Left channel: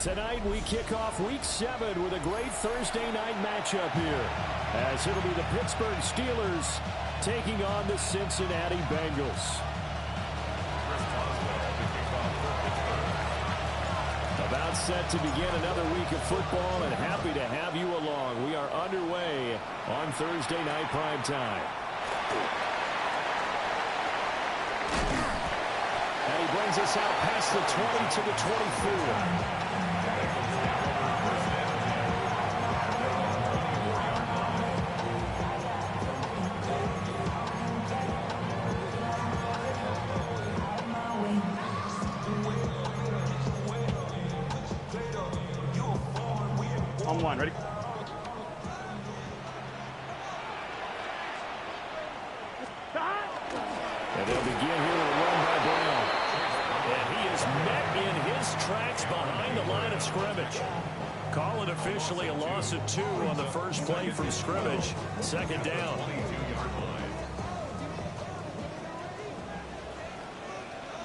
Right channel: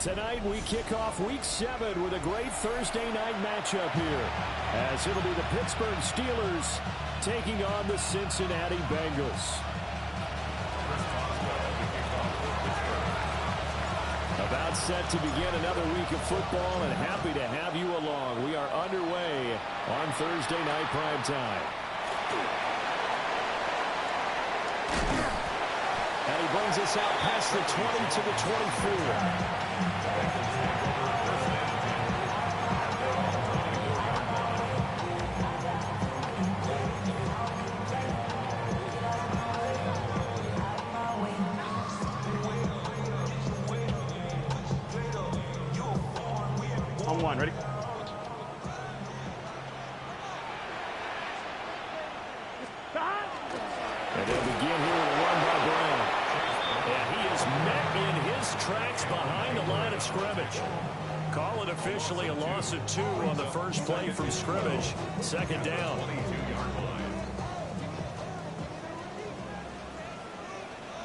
Tonight we kick off Week 7 with a great Thursday night matchup here, as it'll be the Pittsburgh Steelers taking on the Cincinnati Bengals. About set to begin another week of football, and happy to have you along. We are underway on Thursday night primetime. And he brings us out past the 20 to the 24. On one, ready? And they'll begin here with a run by Brown. And he is met in his tracks behind the line of scrimmage. Call it officially a loss of 2 on the first play from scrimmage. Second down.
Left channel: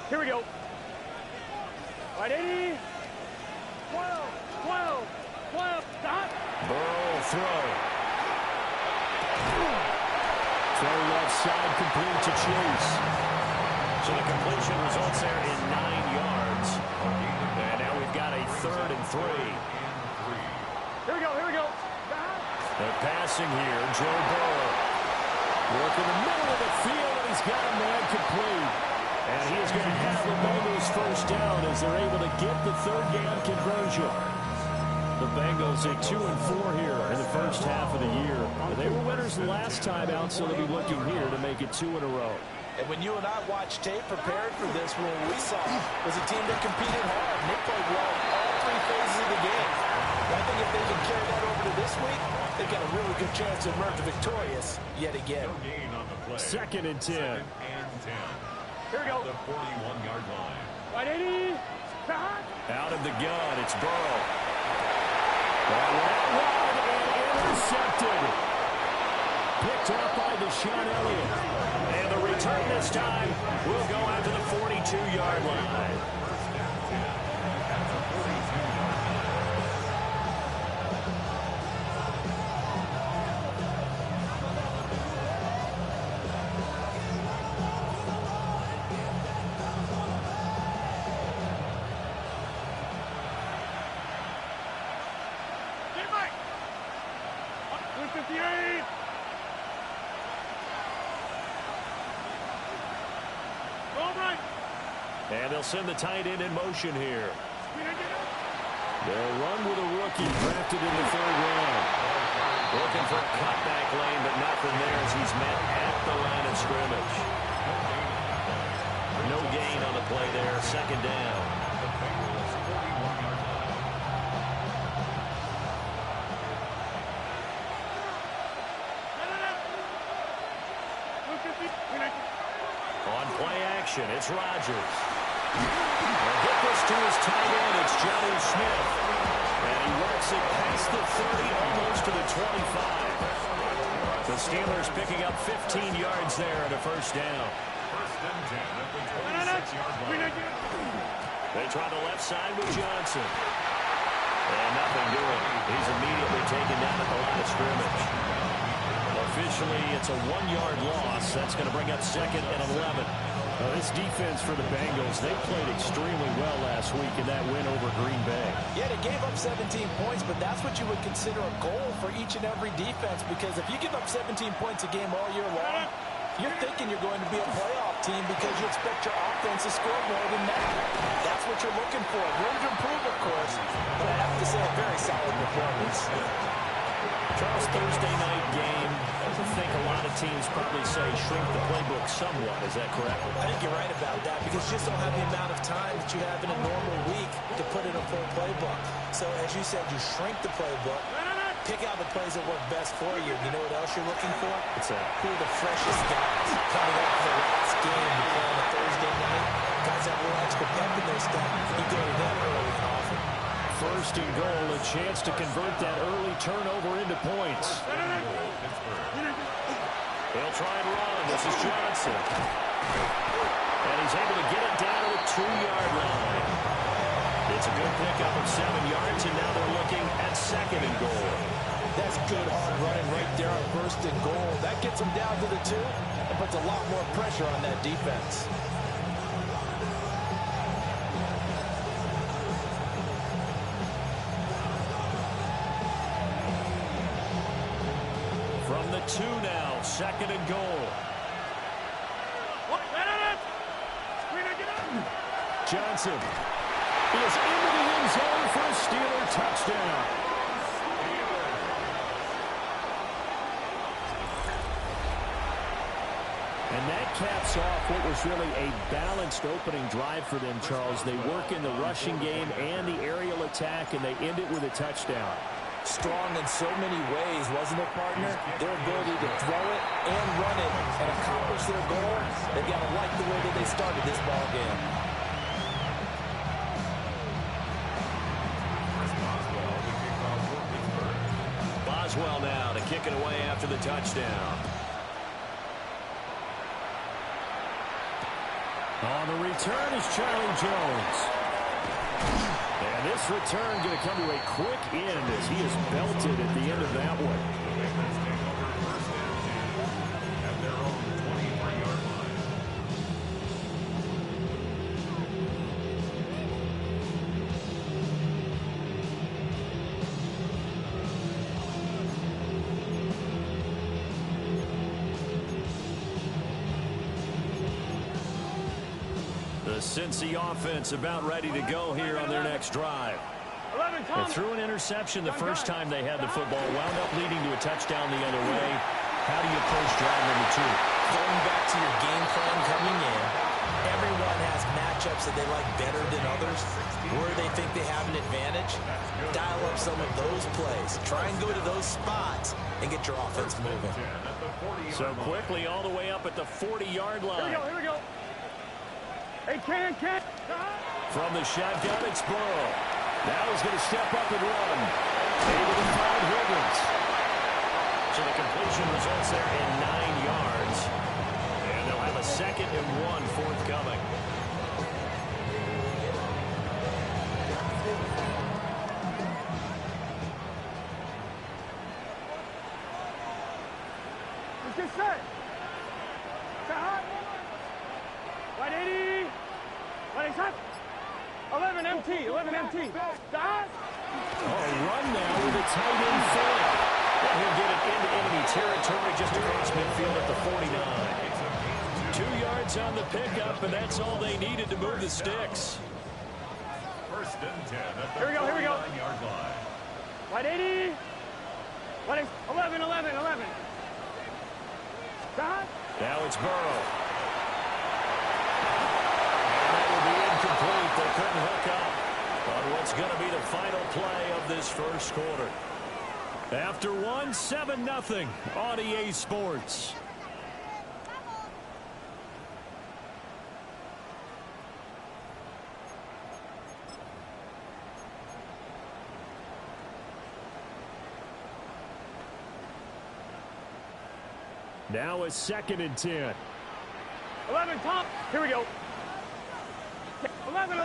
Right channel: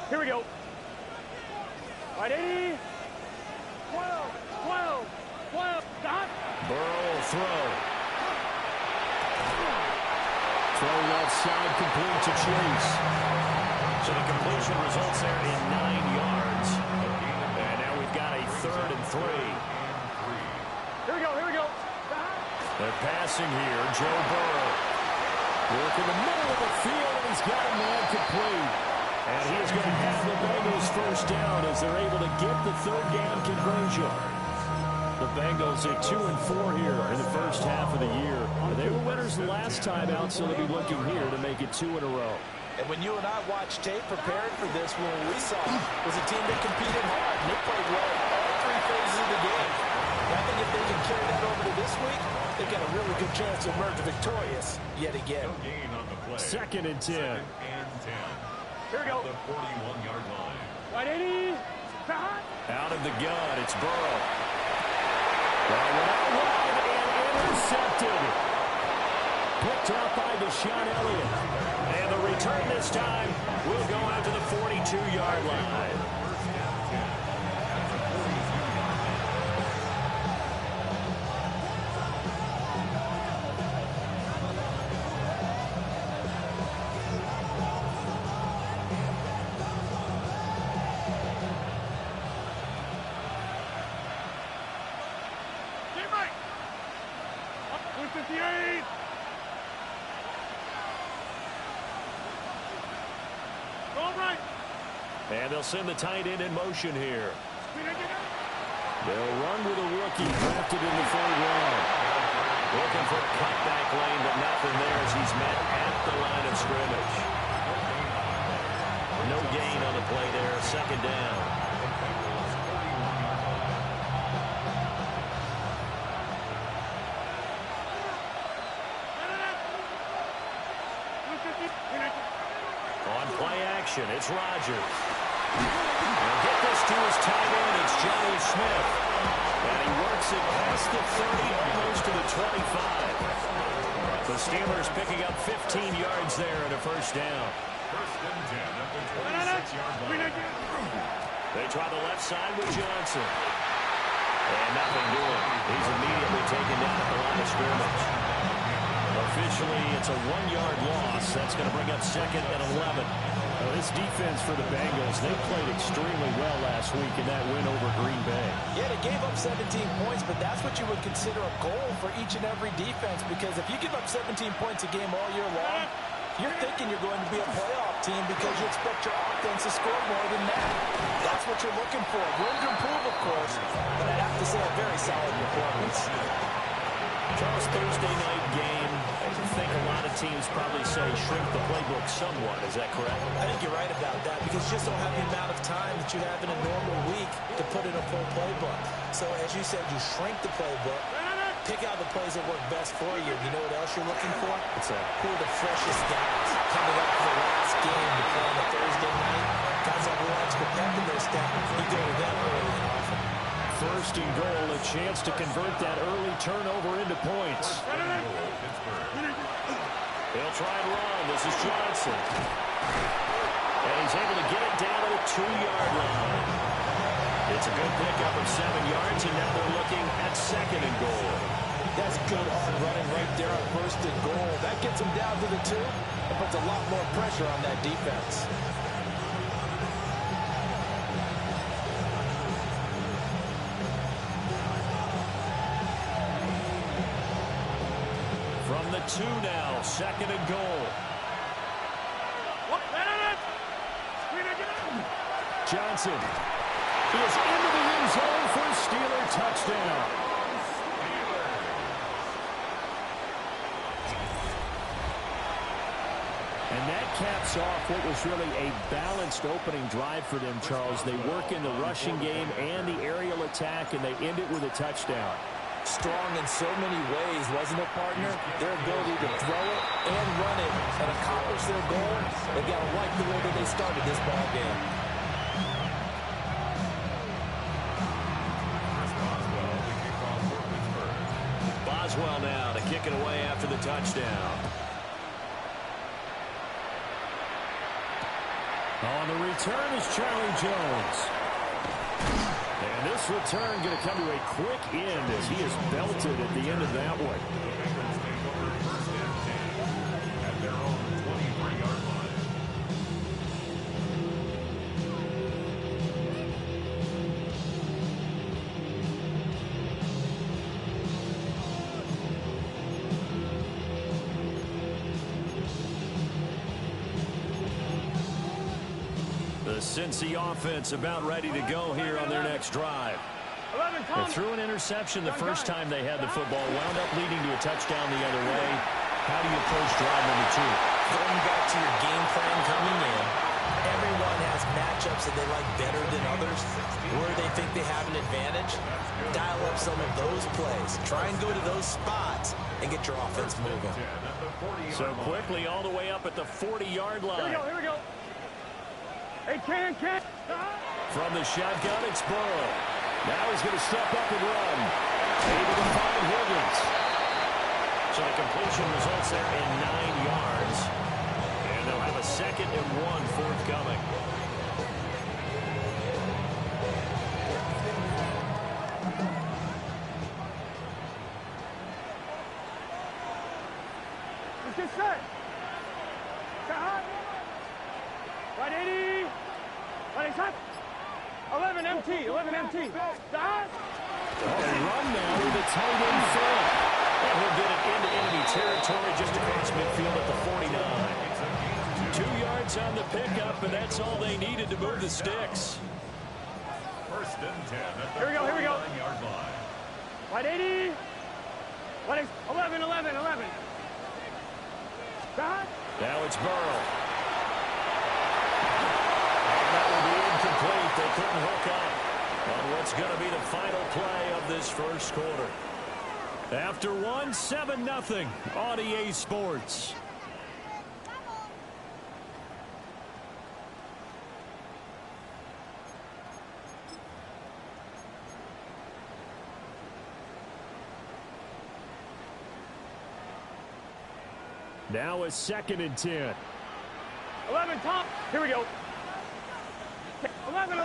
Here we go. Right, 80. 12, 12, 12. Stop. Burrow will throw. Throw left side, complete to Chase. So the completion results there in 9 yards. And now we've got a 3rd and 3. Here we go, here we go. They're passing here. Joe Burrow. Work in the middle of the field, and he's got a man complete. And he is going to have the Bengals first down as they're able to get the 3rd down conversion. The Bengals at 2-4 here in the first half of the year. They were winners last time out, so they'll be looking here to make it 2 in a row. And when you and I watched tape prepared for this, what we saw was a team that competed hard, and they played well in all 3 phases of the game. And I think if they can carry that over to this week, they've got a really good chance to emerge victorious yet again. 2nd and 10. Here we go. The 41-yard line. Right, 80. Out of the gun, it's Burrow. Well, went wide and intercepted. Picked up by Deshaun Elliott. And the return this time will go out to the 42-yard line. And they'll send the tight end in motion here. They'll run with a rookie drafted in the 3rd round. Looking for a cutback lane, but nothing there as he's met at the line of scrimmage. No gain on the play there. 2nd down. On play action, it's Rodgers. They'll get this to his tight end. It's Jonnu Smith. And he works it past the 30, almost to the 25. The Steelers picking up 15 yards there and a first down. 1st and 10 at the 26-yard line. They try the left side with Johnson. And nothing doing. He's immediately taken down at the line of scrimmage. Officially, it's a 1-yard loss. That's going to bring up 2nd and 11. This defense for the Bengals, they played extremely well last week in that win over Green Bay. Yeah, they gave up 17 points, but that's what you would consider a goal for each and every defense, because if you give up 17 points a game all year long, you're thinking you're going to be a playoff team because you expect your offense to score more than that. That's what you're looking for. Room to improve, of course, but I'd have to say a very solid performance. Charles, Thursday night game, I think a lot of teams probably say shrink the playbook somewhat. Is that correct? I think you're right about that because you just don't have the amount of time that you have in a normal week to put in a full playbook. So, as you said, you shrink the playbook, pick out the plays that work best for you. You know what else you're looking for? What's that? Who are the freshest guys coming up for the last game to play on a Thursday night? Guys have a little extra pep in their step. You go to them early and often. 1st and goal, a chance to convert that early turnover into points. They'll try and run. This is Johnson. And he's able to get it down to the 2-yard line. It's a good pickup of 7 yards, and now they're looking at 2nd and goal. That's good hard running right there on 1st and goal. That gets them down to the 2 and puts a lot more pressure on that defense. From the 2 now, 2nd and goal. Johnson is into the end zone for a Steeler touchdown. And that caps off what was really a balanced opening drive for them, Charles. They work in the rushing game and the aerial attack, and they end it with a touchdown. Strong in so many ways, wasn't it, partner? Their ability to throw it and run it and accomplish their goal, they've got to like the way that they started this ball game. Boswell now to kick it away after the touchdown. On the return is Charlie Jones. And this return going to come to a quick end as he is belted at the end of that one. The Bengals take over 1st and 10 at their own 23-yard line. The Cincy offense about ready to go here on their next drive. They threw an interception the first time they had the football, wound up leading to a touchdown the other way. How do you approach drive number 2? Going back to your game plan coming in, everyone has matchups that they like better than others, where they think they have an advantage. Dial up some of those plays. Try and go to those spots and get your offense moving. So quickly all the way up at the 40-yard line. Here we go. Hey, Ken. From the shotgun, it's Burrow. Now he's going to step up and run. Able to find Higgins. So the completion results there in 9 yards. And they'll have a 2nd and 1 forthcoming. Let's get set. Right 80. Right set. 11 MT. 11 MT. Stop. Run now with a tight end fake. And he'll get it into enemy territory just across midfield at the 49. 2 yards on the pickup, and that's all they needed to move the sticks. 1st and 10 at the Here we go. 49-yard line. Right 80. Right 11. Stop. Now it's Burrow. And that will be incomplete. They couldn't hook up on what's going to be the final play of this first quarter. After 7-0 on EA Sports. Now a 2nd and 10. 11 top. Here we go. 11.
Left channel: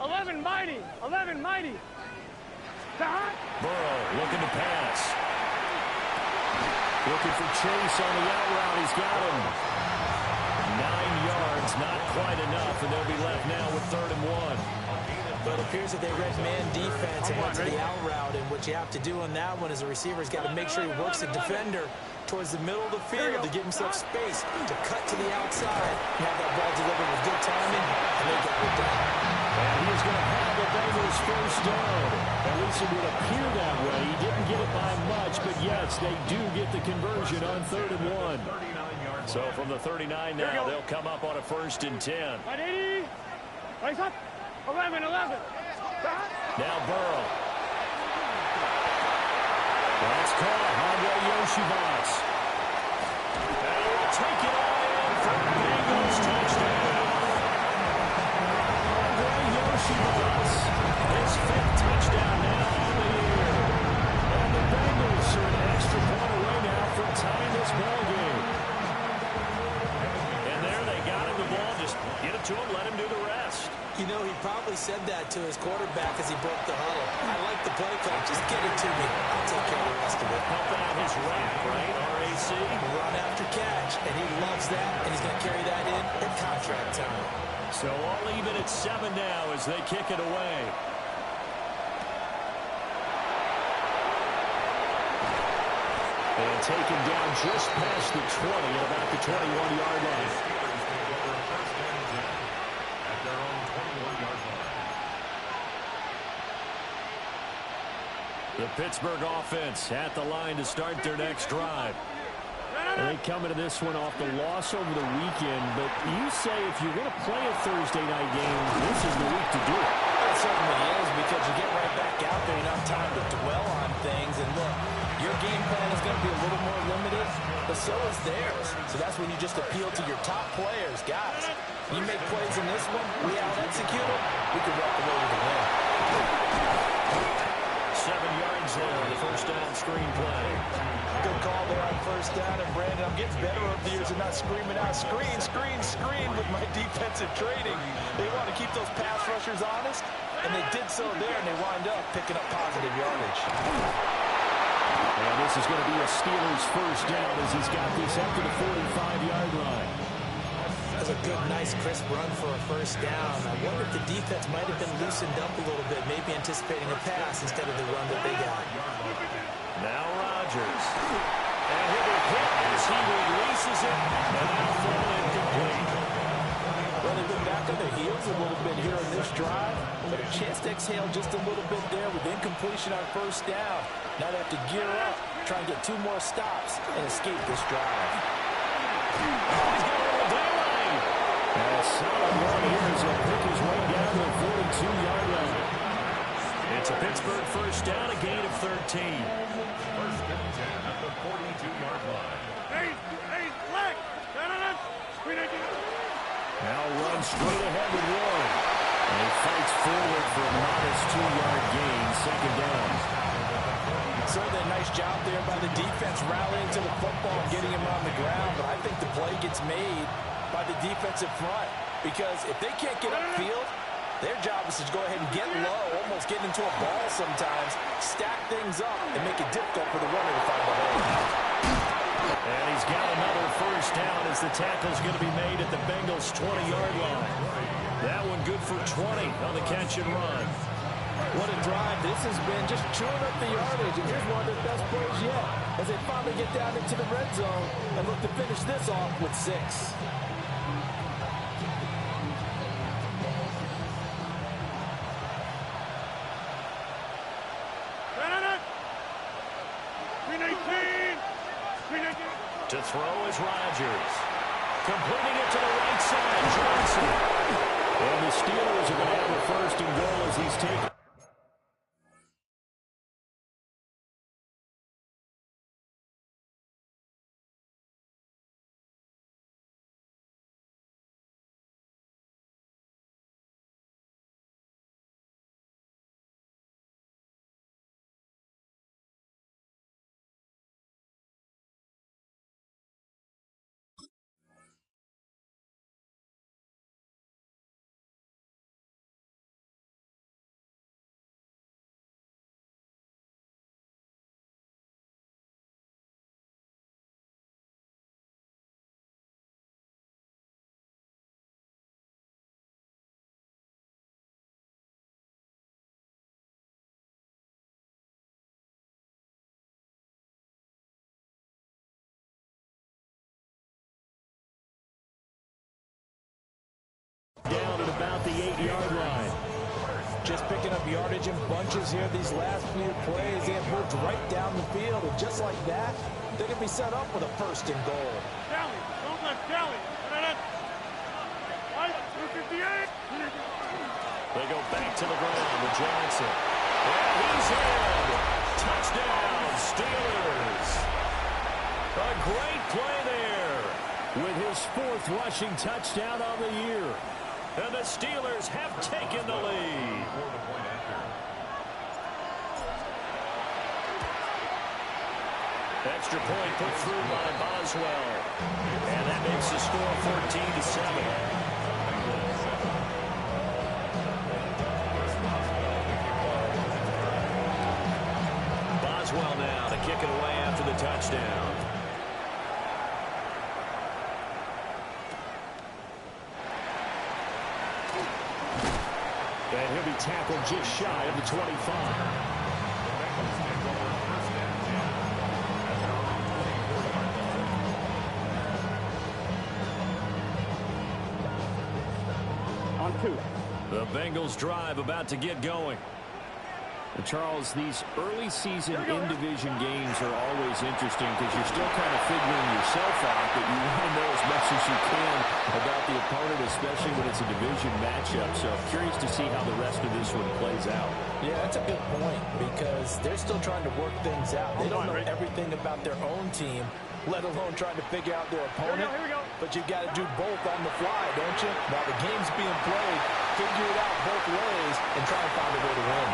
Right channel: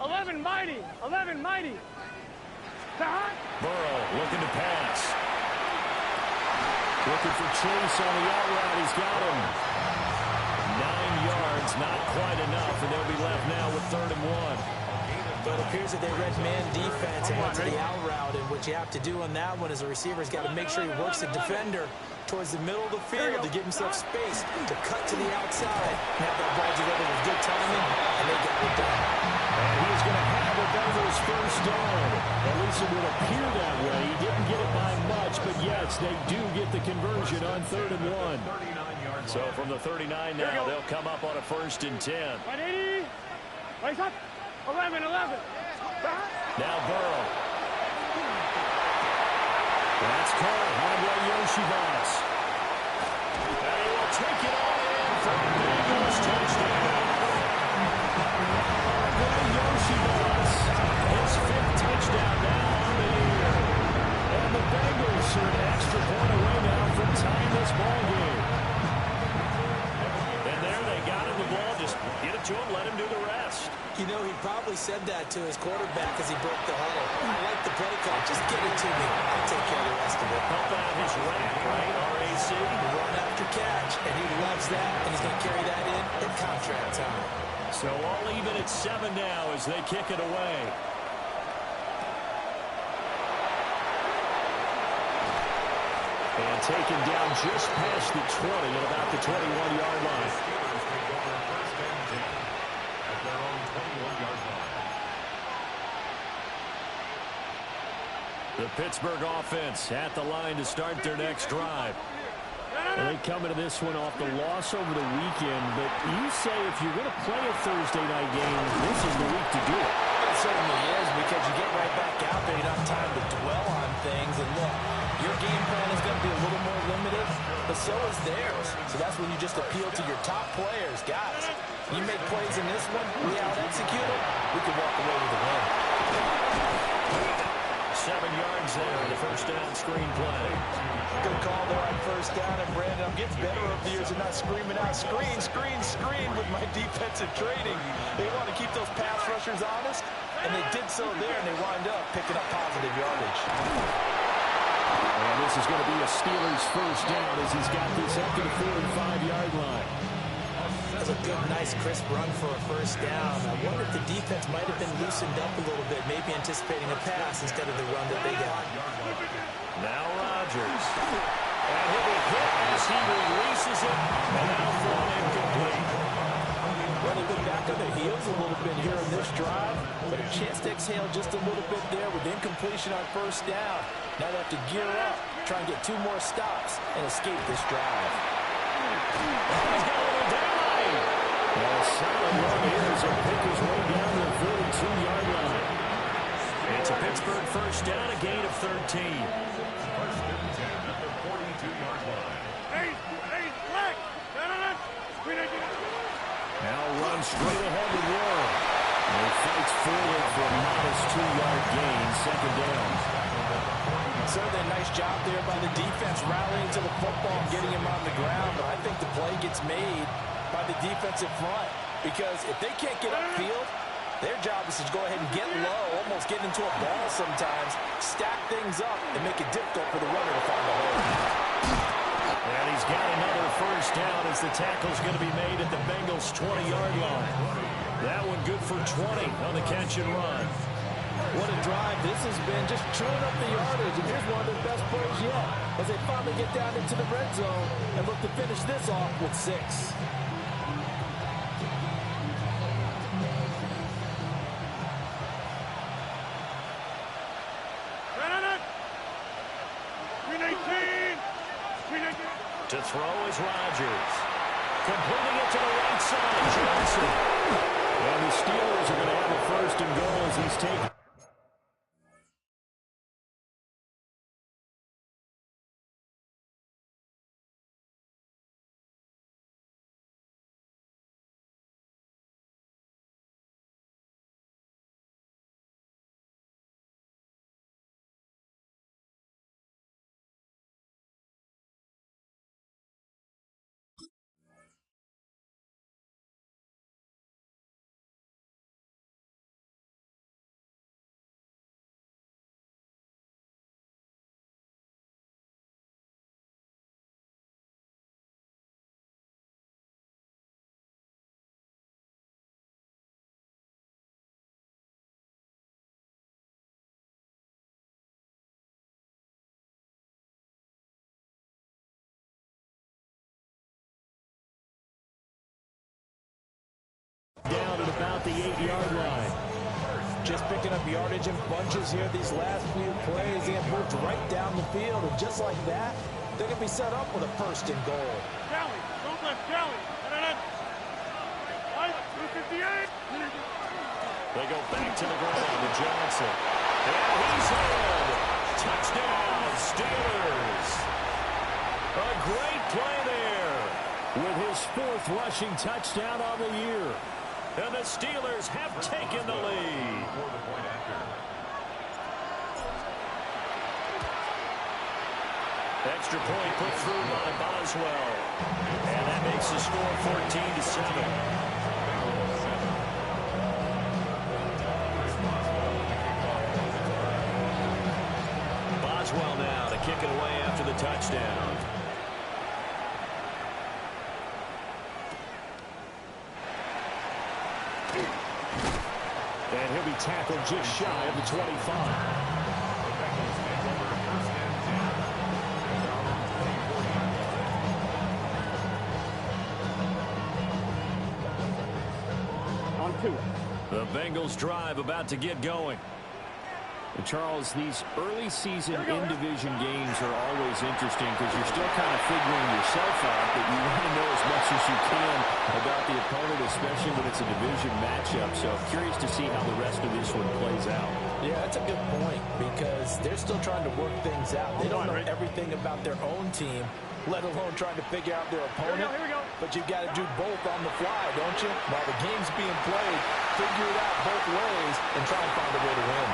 11 mighty. 11 mighty. Stop. Burrow looking to pass. Looking for Chase on the out route. He's got him. 9 yards, not quite enough, and they'll be left now with 3rd and 1. But it appears that they read man defense and went to the out route, and what you have to do on that one is the receiver's got to make sure he works the defender towards the middle of the field to give himself space to cut to the outside and have that ball delivered with good timing, and they got it done. And he is going to have the Bengals first down. At least it would appear that way. He didn't get it by much, but yes, they do get the conversion on 3rd and 1. So from the 39 now, they'll come up on a 1st and 10. Right 80. Right up. 11. Now Burrow. That's caught. Andre Yoshibas. And he will take it all in for a Bengals touchdown. Andre Yoshibas, his 5th touchdown now on the year. And the Bengals are an extra point away now from tying this ball game. And there they got him the ball just Just get it to him, let him do the rest. You know, he probably said that to his quarterback as he broke the huddle. I like the play call. Just get it to me. I'll take care of the rest of it. Help out his rap, right? RAC. Run after catch, and he loves that, and he's going to carry that in at contract time. So all even at 7 now as they kick it away. And taken down just past the 20 at about the 21-yard line. The Steelers take over first and 10 at their own 21-yard line. The Pittsburgh offense at the line to start their next drive. And they come into this one off the loss over the weekend, but you say if you're going to play a Thursday night game, this is the week to do it. It certainly is, because you get right back out there. You don't have time to dwell on things. And look, your game plan is going to be a little more limited, but so is theirs. So that's when you just appeal to your top players. Guys, you make plays in this one, we out-execute them, we could walk away with a win. 7 yards there on the first down screen play. Good call there on first down. And Brandon, I'm getting better over the years and not screaming out, screen, screen, screen with my defensive training. They want to keep those pass rushers honest, and they did so there, and they wind up picking up positive yardage. And this is going to be a Steelers first down as he's got this up to the 45-yard line. That's a good, nice, crisp run for a first down. I wonder if the defense might have been loosened up a little bit, maybe anticipating a pass instead of the run that they got. Now Rodgers. And he'll be hit as he releases it, and now fall incomplete. Well, they've been back on their heels a little bit here in this drive, but a chance to exhale just a little bit there with incompletion on first down. Now they have to gear up, try and get 2 more stops, and escape this drive. Oh, he's got a little daylight. And a solid run here as he'll pick his way down to the 42-yard line. It's a Pittsburgh first down, a gain of 13. First and 10 at the 42-yard line. Hey, flag! Now runs straight ahead with Warren. And he fights forward for a modest 2-yard gain, second down. Certainly a nice job there by the defense rallying to the football and getting him on the ground, but I think the play gets made by the defensive front, because if they can't get upfield, their job is to go ahead and get low, almost get into a ball sometimes, stack things up, and make it difficult for the runner to find the hole. And he's got another first down as the tackle's going to be made at the Bengals' 20-yard line. That one good for 20 on the catch and run. What a drive this has been, just chewing up the yardage, and here's one of their best plays yet as they finally get down into the red zone and look to finish this off with 6. To throw is Rodgers. Completing it to the right side, Johnson. And the Steelers are going to have a first and goal as he's taken. Down at about the 8-yard line. Just picking up yardage in bunches here these last few plays. They have moved right down the field, and just like that, they're going to be set up with a first and goal. Kelly, don't let Kelly. Right, 258. They go back to the ground with Johnson. And he's in. Touchdown, Steelers. A great play there with his 4th rushing touchdown on the year. And the Steelers have taken the lead. For the point after. Extra point put through by Boswell. And that makes the score 14-7. Boswell now to kick it away after the touchdown. And he'll be tackled just shy of the 25. The Bengals take over first and 10 at their own 20-40-yard line. On 2. The Bengals drive about to get going. And Charles, these early season in-division games are always interesting because you're still kind of figuring yourself out, but you want to know as much as you can about the opponent, especially when it's a division matchup. So curious to see how the rest of this one plays out. Yeah, that's a good point because they're still trying to work things out. They don't know everything about their own team, let alone trying to figure out their opponent. Here we go. But you've got to do both on the fly, don't you? While the game's being played, figure it out both ways and try and find a way to win.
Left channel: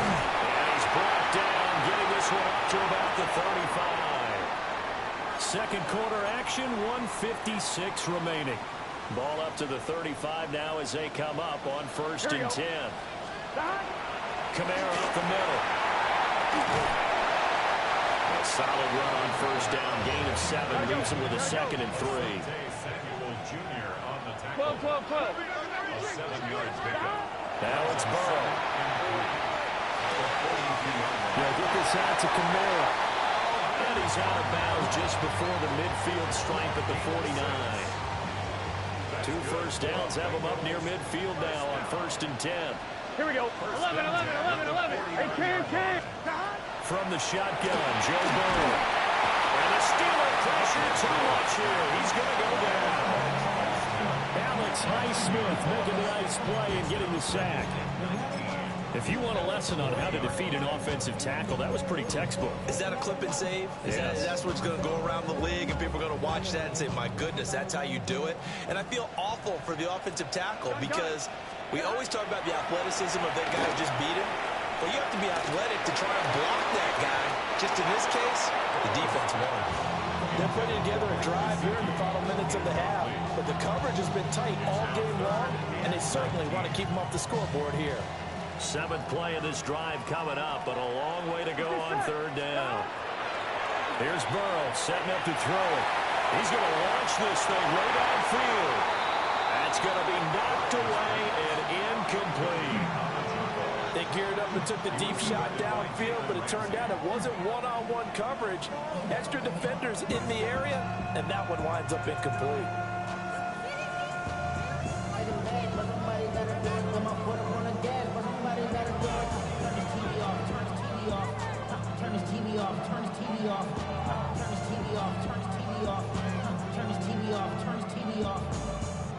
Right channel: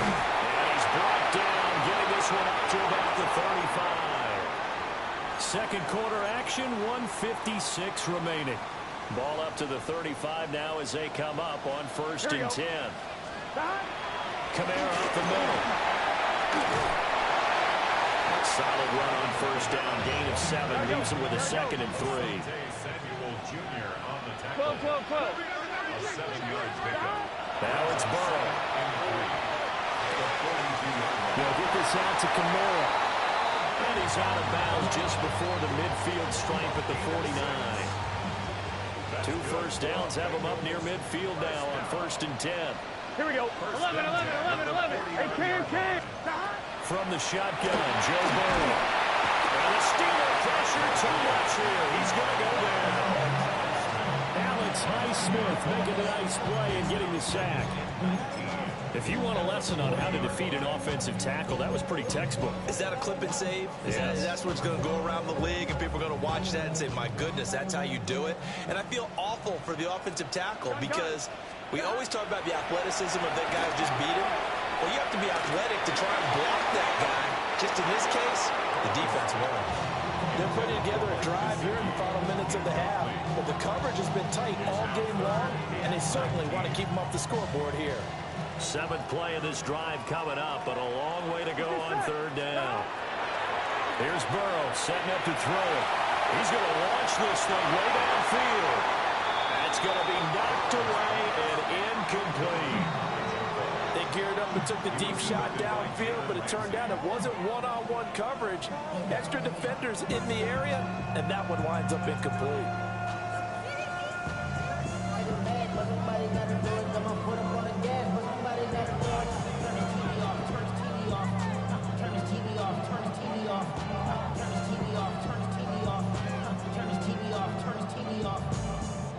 And he's brought down, getting this one up to about the 35. Second quarter action, 1:56 remaining. Ball up to the 35 now as they come up on first and 10. Kamara up the middle. A solid run on first down, gain of 7, leaves him with a 2nd and 3. Samuel Jr. on the tackle. 12. A 7 yards pickup. Now it's Burrow. And 3 at the 42-yard line. They'll get this out to Kamara. And he's out of bounds just before the midfield stripe at the 49. 2 first downs have him up near midfield now on first and 10. Here we go. 11. Hey, Cam. From the shotgun, Joe Burrow. And the Steeler pressure too much here. He's going to go down. Alex Highsmith making a nice play and getting the sack. If you want a lesson on how to defeat an offensive tackle, that was pretty textbook. Is that a clip and save? That's what's going to go around the league, and people are going to watch that and say, my goodness, that's how you do it. And I feel awful for the offensive tackle because we always talk about the athleticism of that guy who just beat him. Well, you have to be athletic to try and block that guy. Just in this case, the defense won. They're putting together a drive here in the final minutes of the half, but the coverage has been tight all game long, and they certainly want to keep them off the scoreboard here. 7th play of this drive coming up, but a long way to go on third down. Here's Burrow setting up to throw it. He's going to launch this thing way downfield. That's going to be knocked away and incomplete. They geared up and took the deep shot downfield, but it turned out it wasn't one-on-one coverage. Extra defenders in the area, and that one winds up incomplete. Turn his TV off.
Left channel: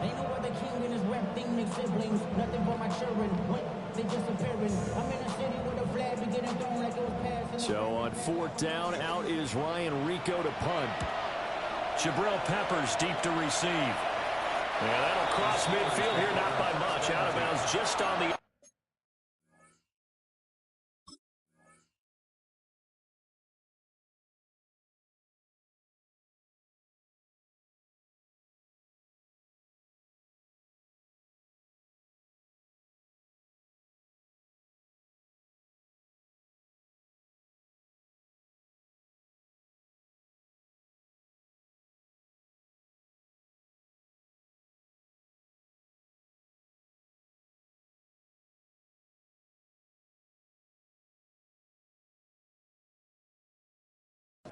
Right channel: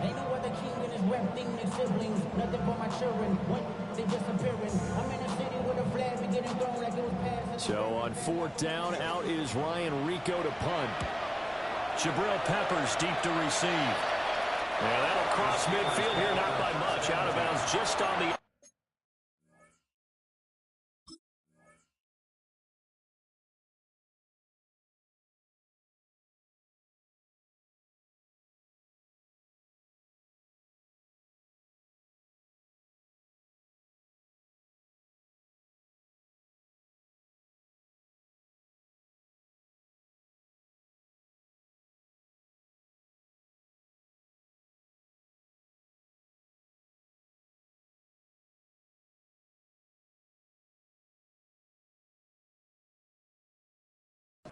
Ain't no other king in this rap thing than siblings. Nothing but my children. When they disappearing. I'm in a city with a flag be getting thrown like it was passing. So on 4th down, out is Ryan Rico to punt. Jabril Peppers deep to receive. Yeah, that'll cross midfield here, not by much. Out of bounds just on the...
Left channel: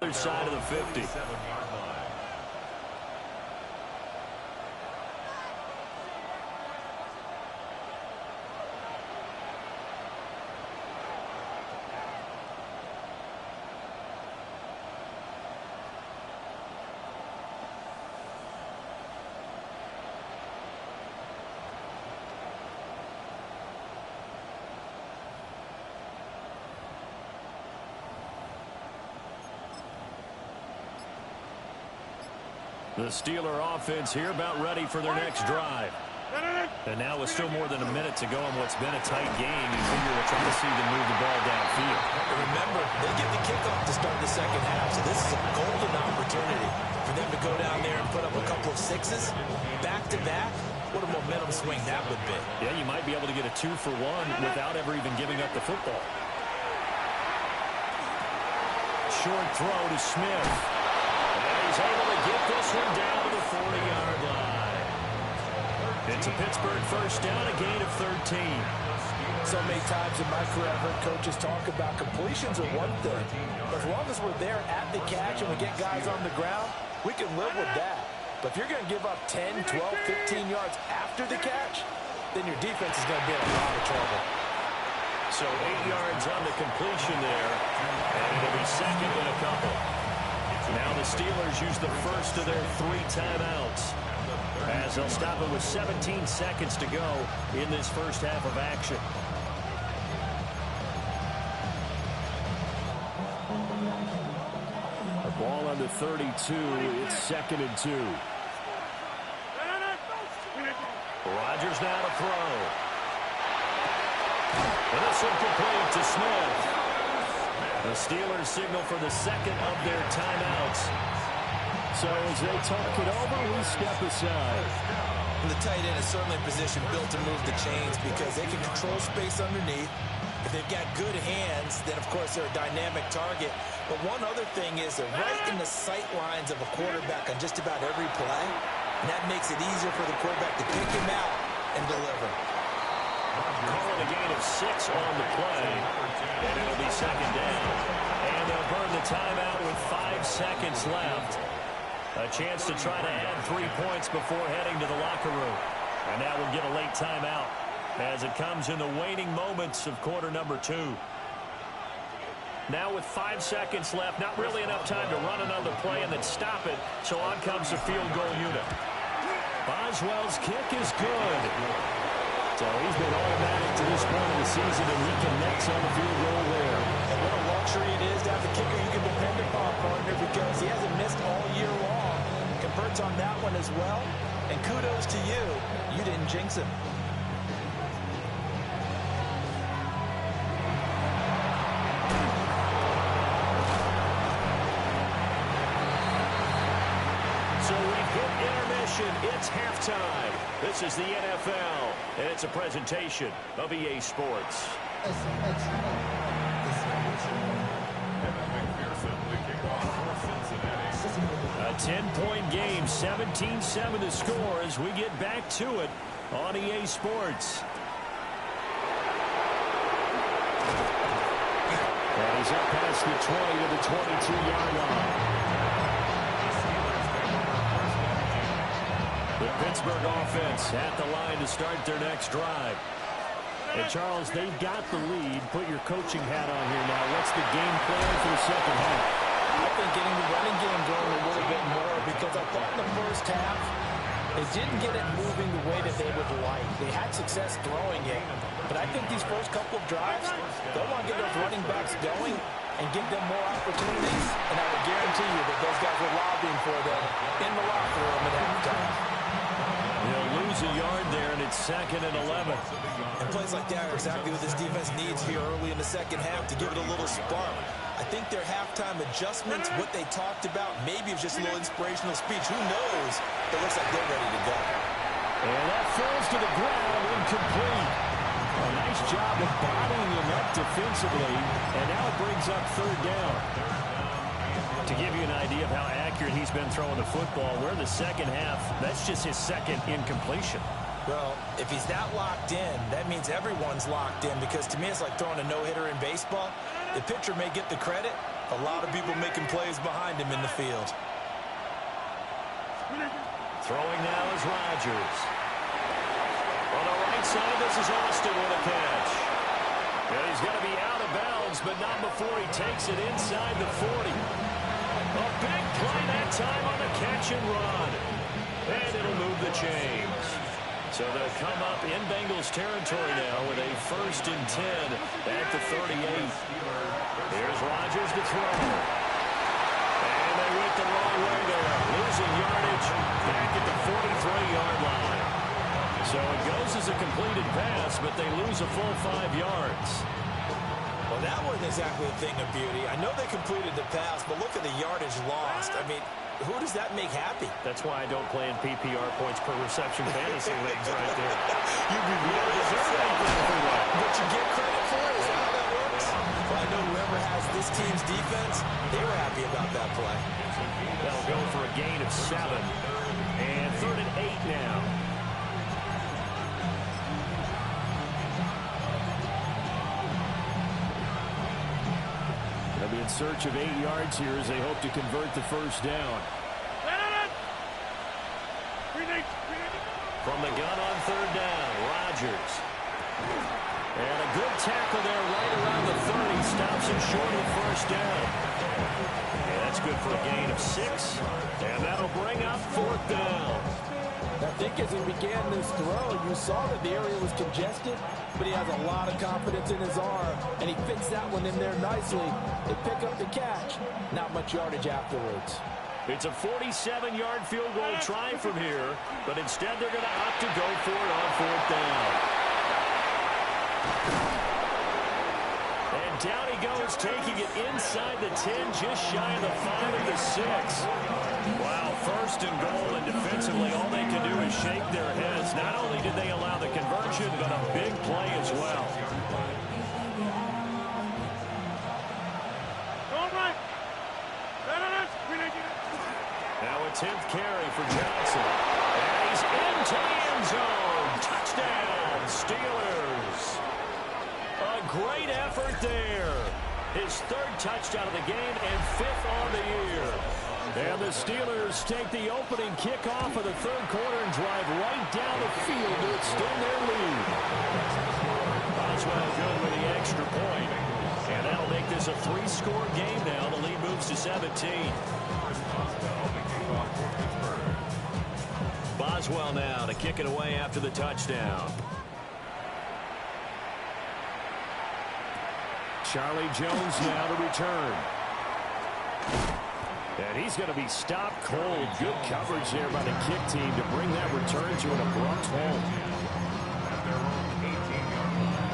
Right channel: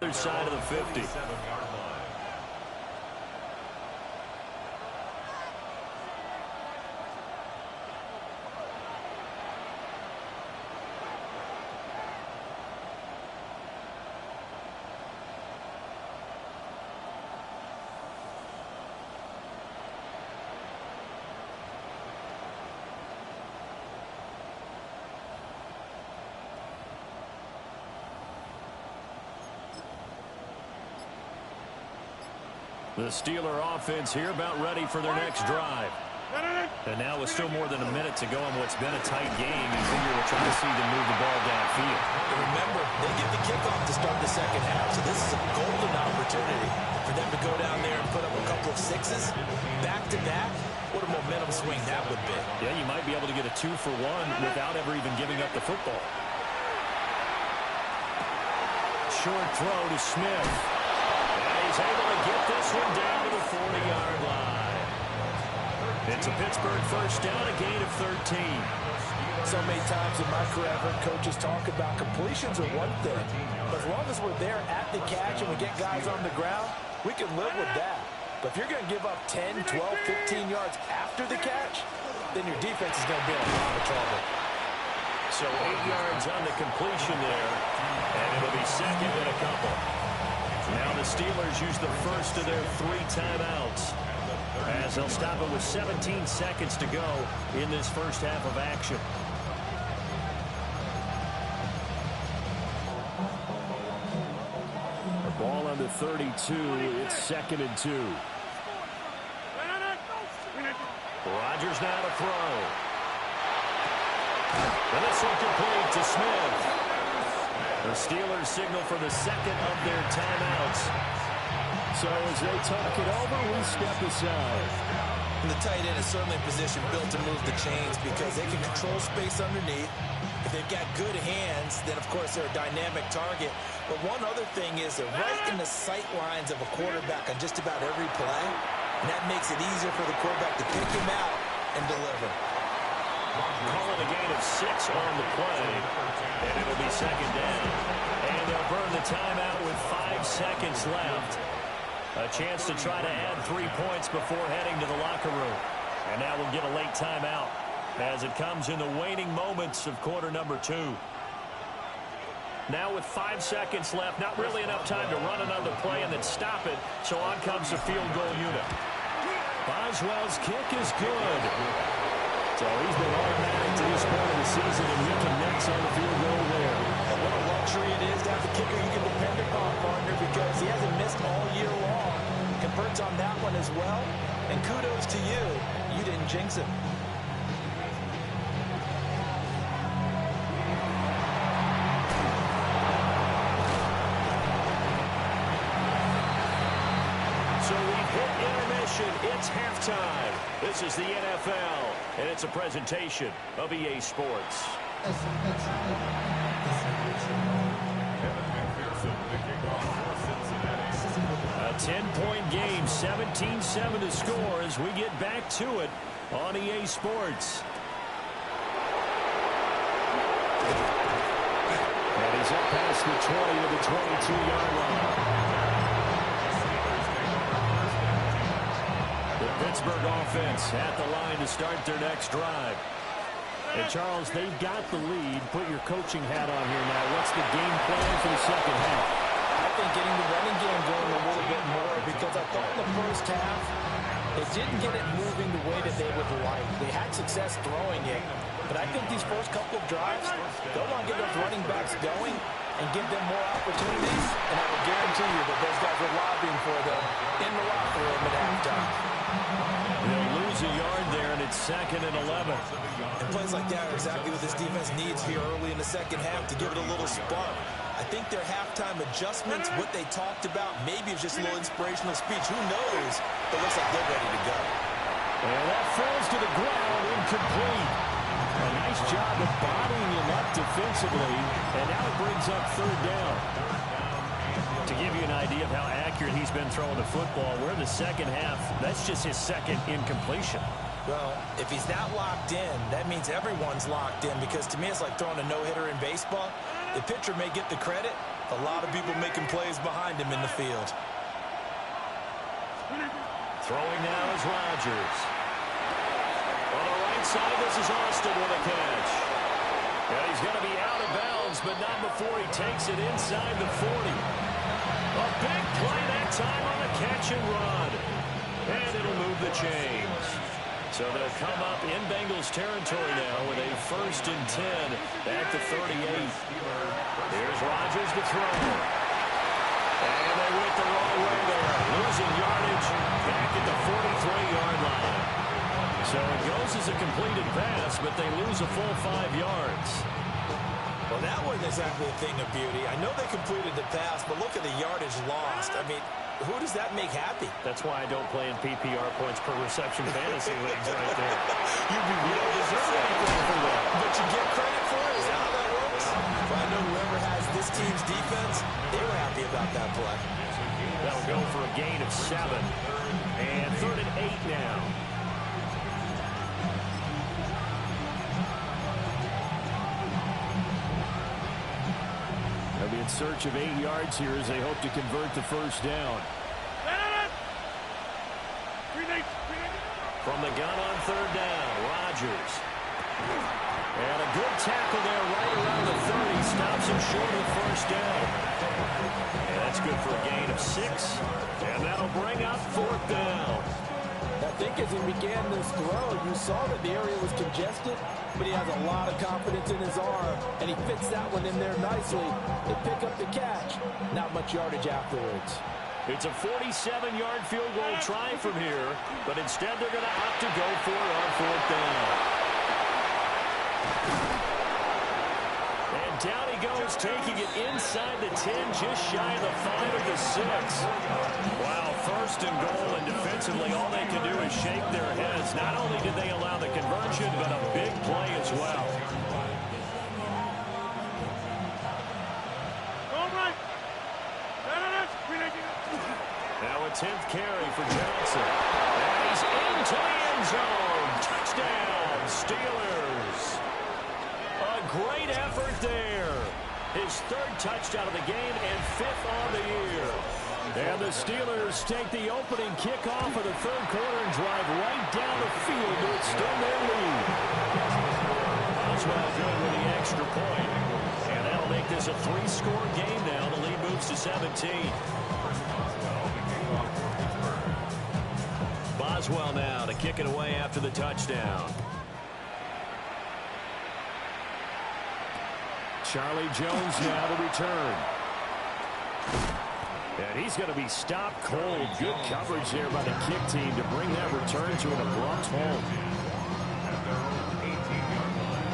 other side of the 50. 7-yard line. The Steeler offense here about ready for their next drive. And now with still more than a minute to go in what's been a tight game, you figure we'll try to see them move the ball downfield. And remember, they get the kickoff to start the second half, so this is a golden opportunity for them to go down there and put up a couple of sixes back-to-back. What a momentum swing that would be. Yeah, you might be able to get a 2-for-1 without ever even giving up the football. Short throw to Smith. And he's able to get this one down to the 40-yard line. It's a Pittsburgh first down, a gain of 13. So many times in my career, I've heard coaches talk about completions are one thing. But as long as we're there at the catch and we get guys on the ground, we can live with that. But if you're going to give up 10, 12, 15 yards after the catch, then your defense is going to be in a lot of trouble. So 8 yards on the completion there, and it'll be second and a couple. Now the Steelers use the first of their 3 timeouts, as they'll stop it with 17 seconds to go in this first half of action. A ball on the 32. It's second and 2. Rodgers now to throw. And this one complete to Smith. The Steelers signal for the second of their timeouts. So as they talk it over, we step aside. And the tight end is certainly a position built to move the chains because they can control space underneath. If they've got good hands, then, of course, they're a dynamic target. But one other thing is they're right in the sight lines of a quarterback on just about every play. And that makes it easier for the quarterback to pick him out and deliver. Calling a gain of 6 on the play, and it'll be second down. And they'll burn the timeout with 5 seconds left. A chance to try to add 3 points before heading to the locker room. And now we'll get a late timeout as it comes in the waning moments of quarter number 2. Now with 5 seconds left, not really enough time to run another play and then stop it. So on comes the field goal unit. Boswell's kick is good. So he's been automatic to this point of the season, and he connects on the field goal there. And what a luxury it is to have a kicker you can depend upon, partner, because he hasn't missed all year long. Converts on that one as well. And kudos to you. You didn't jinx him. So we've hit intermission. It's halftime. This is the NFL, and it's a presentation of EA Sports. Evan McPherson, the kickoff for Cincinnati. A 10-point game, 17-7 to score as we get back to it on EA Sports. And he's up past the 20 to the 22-yard line. The Pittsburgh offense at the line to start their next drive. And, Charles, they've got the lead. Put your coaching hat on here now. What's the game plan for the second half? I think getting the running game going a little bit more because I thought in the first half they didn't get it moving the way that they would like. They had success throwing it, but I think these first couple of drives, they'll want to get those running backs going and give them more opportunities, and I would guarantee you that those guys were lobbying for them in the locker room at halftime. They'll lose a yard there, and it's second and 11. And plays like that are exactly what this defense needs here early in the second half to give it a little spark. I think their halftime adjustments, what they talked about, maybe it's just a little inspirational speech. Who knows? It looks like they're ready to go. And that falls to the ground, incomplete. A nice job of bodying him up defensively, and now it brings up third down. To give you an idea of how accurate he's been throwing the football, we're in the second half. That's just his second incompletion. Well, if he's not locked in, that means everyone's locked in, because to me it's like throwing a no-hitter in baseball. The pitcher may get the credit. A lot of people making plays behind him in the field. Throwing now is Rodgers. On the right side, this is Austin with a catch. And he's going to be out of bounds, but not before he takes it inside the 40. A big play that time on the catch and run. And it'll move the chains. So they'll come up in Bengals territory now with a 1st and 10 at the 38. Here's Rodgers to throw. And they went the wrong way there. Losing yardage back at the 43-yard line. So it goes as a completed pass, but they lose a full 5 yards. Well, that wasn't exactly a thing of beauty. I know they completed the pass, but look at the yardage lost. I mean, who does that make happy? That's why I don't play in PPR points per reception fantasy leagues right there. You don't deserve anything for that. But you get credit for it? Is that how that works? Well, I know whoever has this team's defense, they were happy about that play. That'll go for a gain of 7. And 3rd and 8 now. They'll be in search of 8 yards here as they hope to convert the first down. From the gun on 3rd down, Rodgers. And a good tackle there right around the 30. Stops him short of the first down. And that's good for a gain of 6. And that'll bring up 4th down. I think as he began this throw, you saw that the area was congested, but he has a lot of confidence in his arm, and he fits that one in there nicely. They pick up the catch. Not much yardage afterwards. It's a 47-yard field goal try from here, but instead they're going to opt to go for it on 4th down. And down he goes, taking it inside the 10, just shy of the 5 of the 6. Wow, 1st and goal, and defensively all they can do is shake their heads. Not only did they allow the conversion, but a big play as well. Now a 10th carry for Johnson. And he's into the end zone. Touchdown, Steelers. A great effort there. His 3rd touchdown of the game and 5th on the year. And the Steelers take the opening kickoff of the 3rd quarter and drive right down the field to extend their lead. Boswell good with the extra point. And that'll make this a 3-score game now. The lead moves to 17. Boswell now to kick it away after the touchdown. Charlie Jones now to return. And he's going to be stopped cold. Good coverage there by the kick team to bring that return to an abrupt halt. At their own 18-yard line.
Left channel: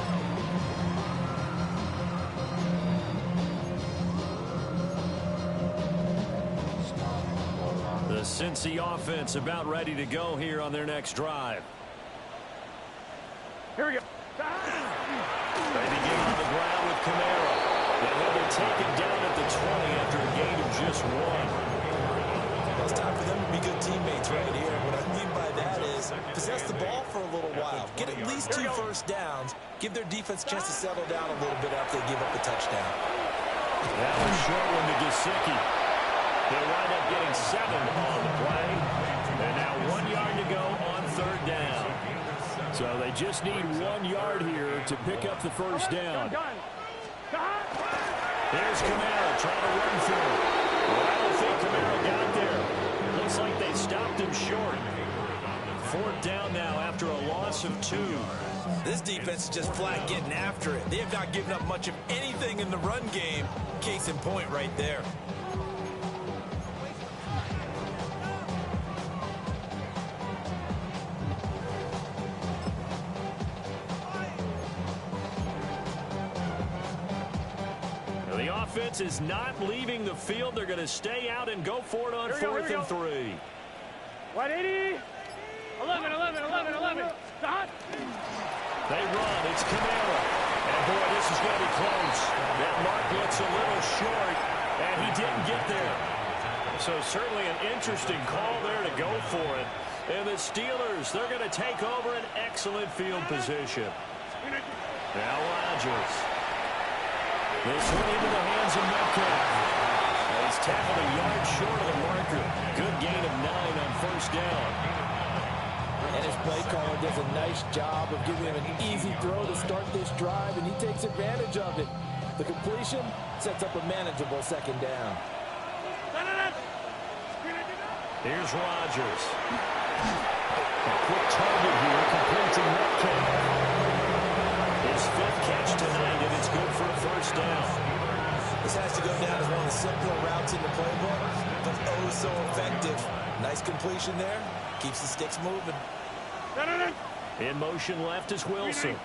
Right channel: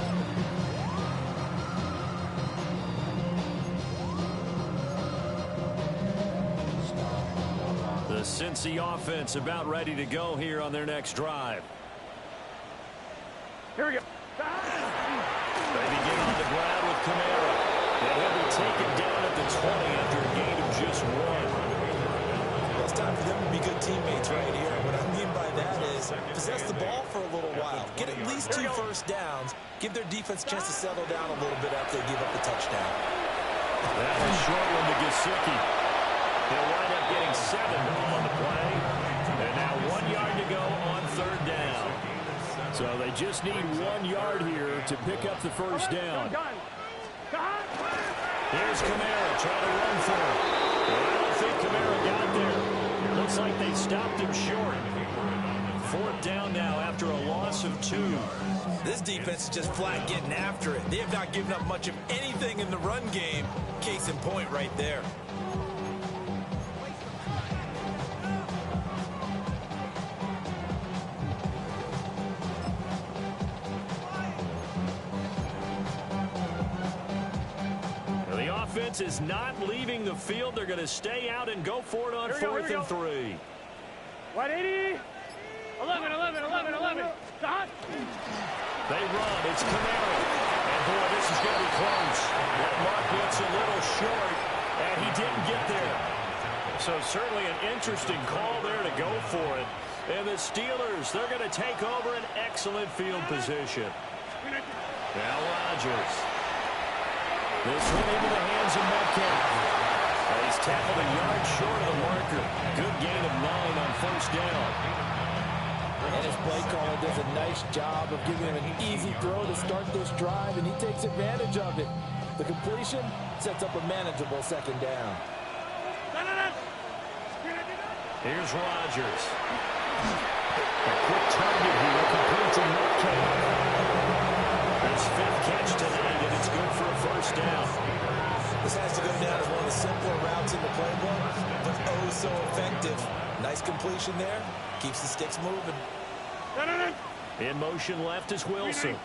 The Cincy offense about ready to go here on their next drive. Here we go. They begin on the ground with Kamara. And he'll be taken down at the 20 after a gain of just 1. Well, it's time for them to be good teammates right here. What I mean by that is possess the ball for a little while. Get at least 2 first downs. Give their defense a chance to settle down a little bit after they give up a touchdown. That was short one to Gesicki. They'll wind up getting 7 on the play. And now 1 yard to go on 3rd down. So they just need 1 yard here to pick up the first down. Here's Kamara trying to run for it. But I don't think Kamara got there. Looks like they stopped him short. 4th down now after a loss of 2. This defense is just flat getting after it. They have not given up much of anything in the run game. Case in point right there. Offense is not leaving the field. They're going to stay out and go for it on 4th and 3. 180. 11. They run. It's Kamara. And, boy, this is going to be close. That mark looks a little short, and he didn't get there. So certainly an interesting call there to go for it. And the Steelers, they're going to take over an excellent field position. Now Rodgers. This one into the hands of Metcalf. He's tackled a yard short of the marker. Good gain of 9 on 1st down. And his play caller does a nice job of giving him an easy throw to start this drive, and he takes advantage of it. The completion sets up a manageable 2nd down. Here's Rodgers. A quick target here, complete to Metcalf. His 5th catch tonight, and it's good for a 1st down. This has to go down as one of the simpler routes in the playbook, but oh so effective. Nice completion there. Keeps the sticks moving. In motion left is Wilson.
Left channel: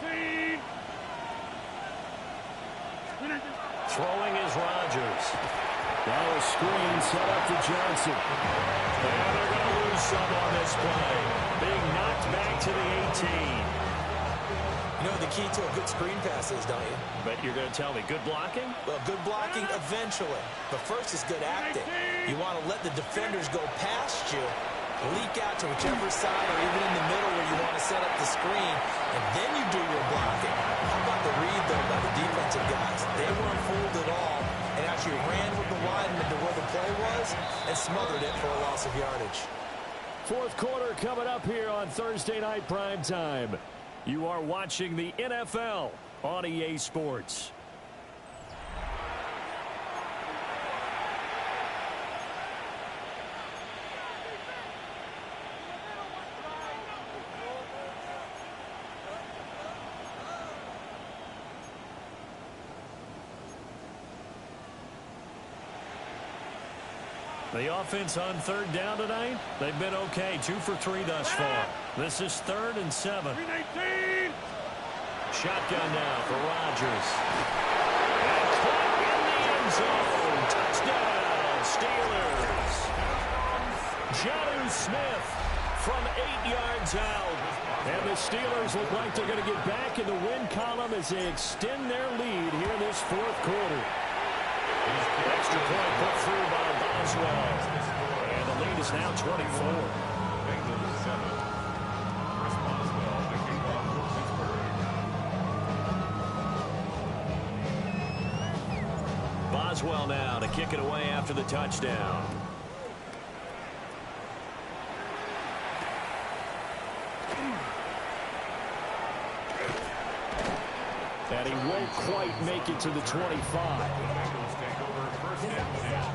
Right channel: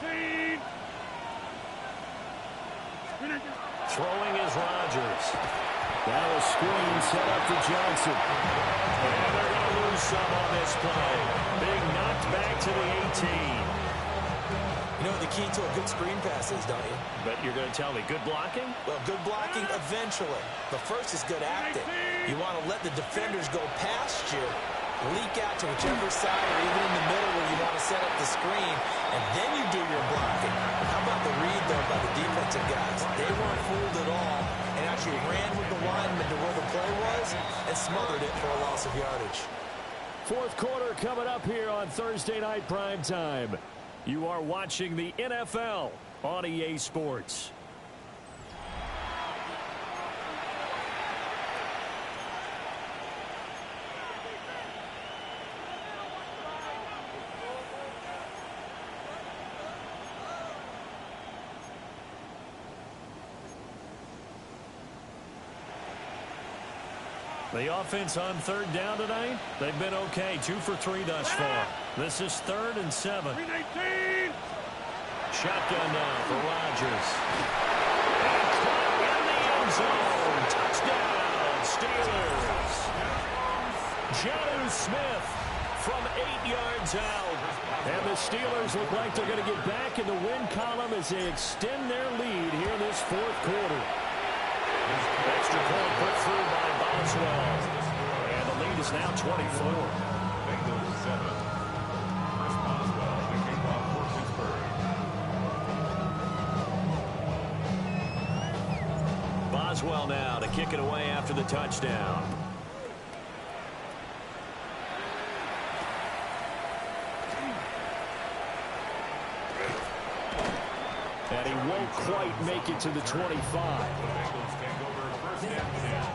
Throwing is Rodgers. Now a screen set up for Johnson. And they're going to lose some on this play. Being knocked back to the 18. You know what the key to a good screen pass is, don't you? But you're going to tell me, good blocking? Well, good blocking eventually. But first is good acting. You want to let the defenders go past you, leak out to whichever side or even in the middle where you want to set up the screen, and then you do your blocking. How about the read, though, by the defensive guys? They weren't fooled at all and actually ran with the lineman to where the play was and smothered it for a loss of yardage. Fourth quarter coming up here on Thursday Night Prime Time. You are watching the NFL on EA Sports. The offense on third down tonight, they've been okay. 2 for 3 thus far. This is 3rd and 7. 319. Shotgun now for Rodgers. And caught in the end zone. Touchdown, Steelers. Jonnu Smith from 8 yards out. And the Steelers look like they're going to get back in the win column as they extend their lead here in this fourth quarter. Extra point put through by Boswell. And the lead is now 24. Bengals 7. Chris Boswell, the kickoff for Pittsburgh. Boswell now to kick it away after the touchdown. And he won't quite make it to the 25. The Bengals take over 1st and 10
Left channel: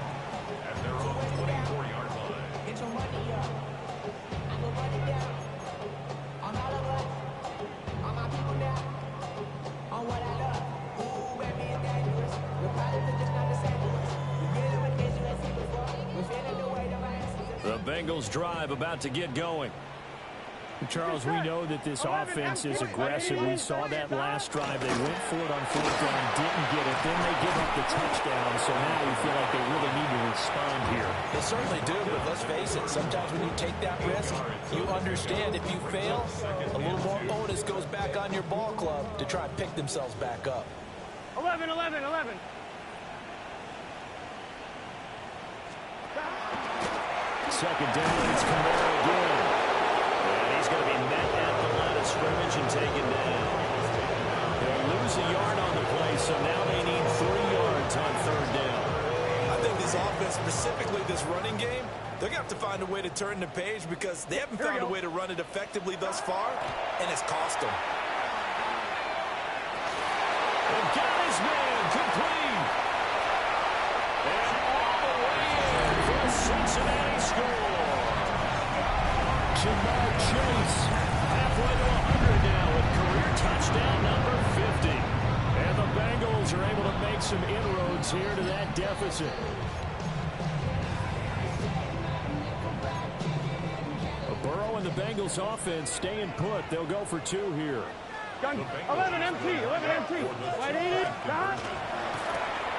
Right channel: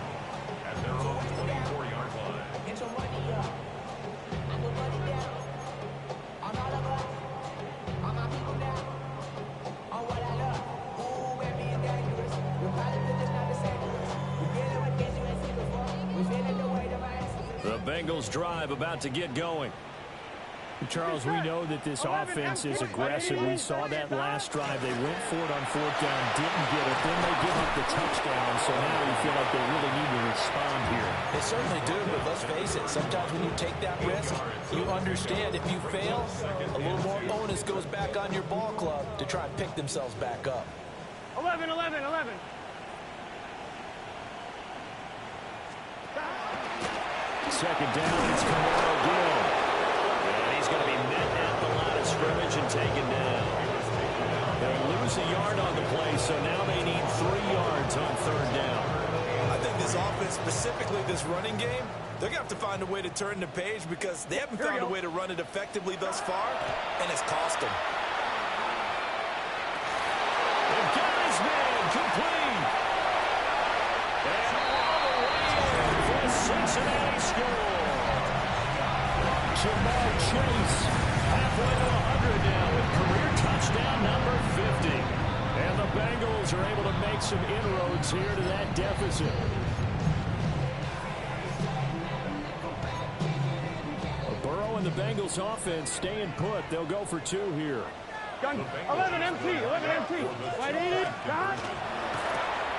at their own 24-yard line. Get your money up. I'm gonna run it down. On all of us. On my people now. On what I love. Ooh, baby, it's dangerous. Your politics is not the same to us. We're dealing with things you ain't seen before. We're feeling the weight of our ancestors. The Bengals drive about to get going. Charles, we know that this offense is aggressive. We saw that last drive. They went for it on 4th down, didn't get it. Then they give up the touchdown. So now you feel like they really need to respond here. They certainly do, but let's face it. Sometimes when you take that risk, you understand if you fail, a little more onus goes back on your ball club to try and pick themselves back up. 11, 11, 11. Second down, it's Kamara again. And he's going to be met at the line of scrimmage and taken down. They'll lose a yard on the play, so now they need 3 yards on 3rd down. I think this offense, specifically this running game, they're going to have to find a way to turn the page because they haven't found a way to run it effectively thus far, and it's cost them. They've got his man complete. And all the way in for a Cincinnati score. Jamar Chase halfway to 100 now with career touchdown number 50. And the Bengals are able to make some inroads here to that deficit. Burrow and the Bengals offense staying put. They'll go for 2 here. Gun. 11 MT. 11 MT. Wide 80. Dot.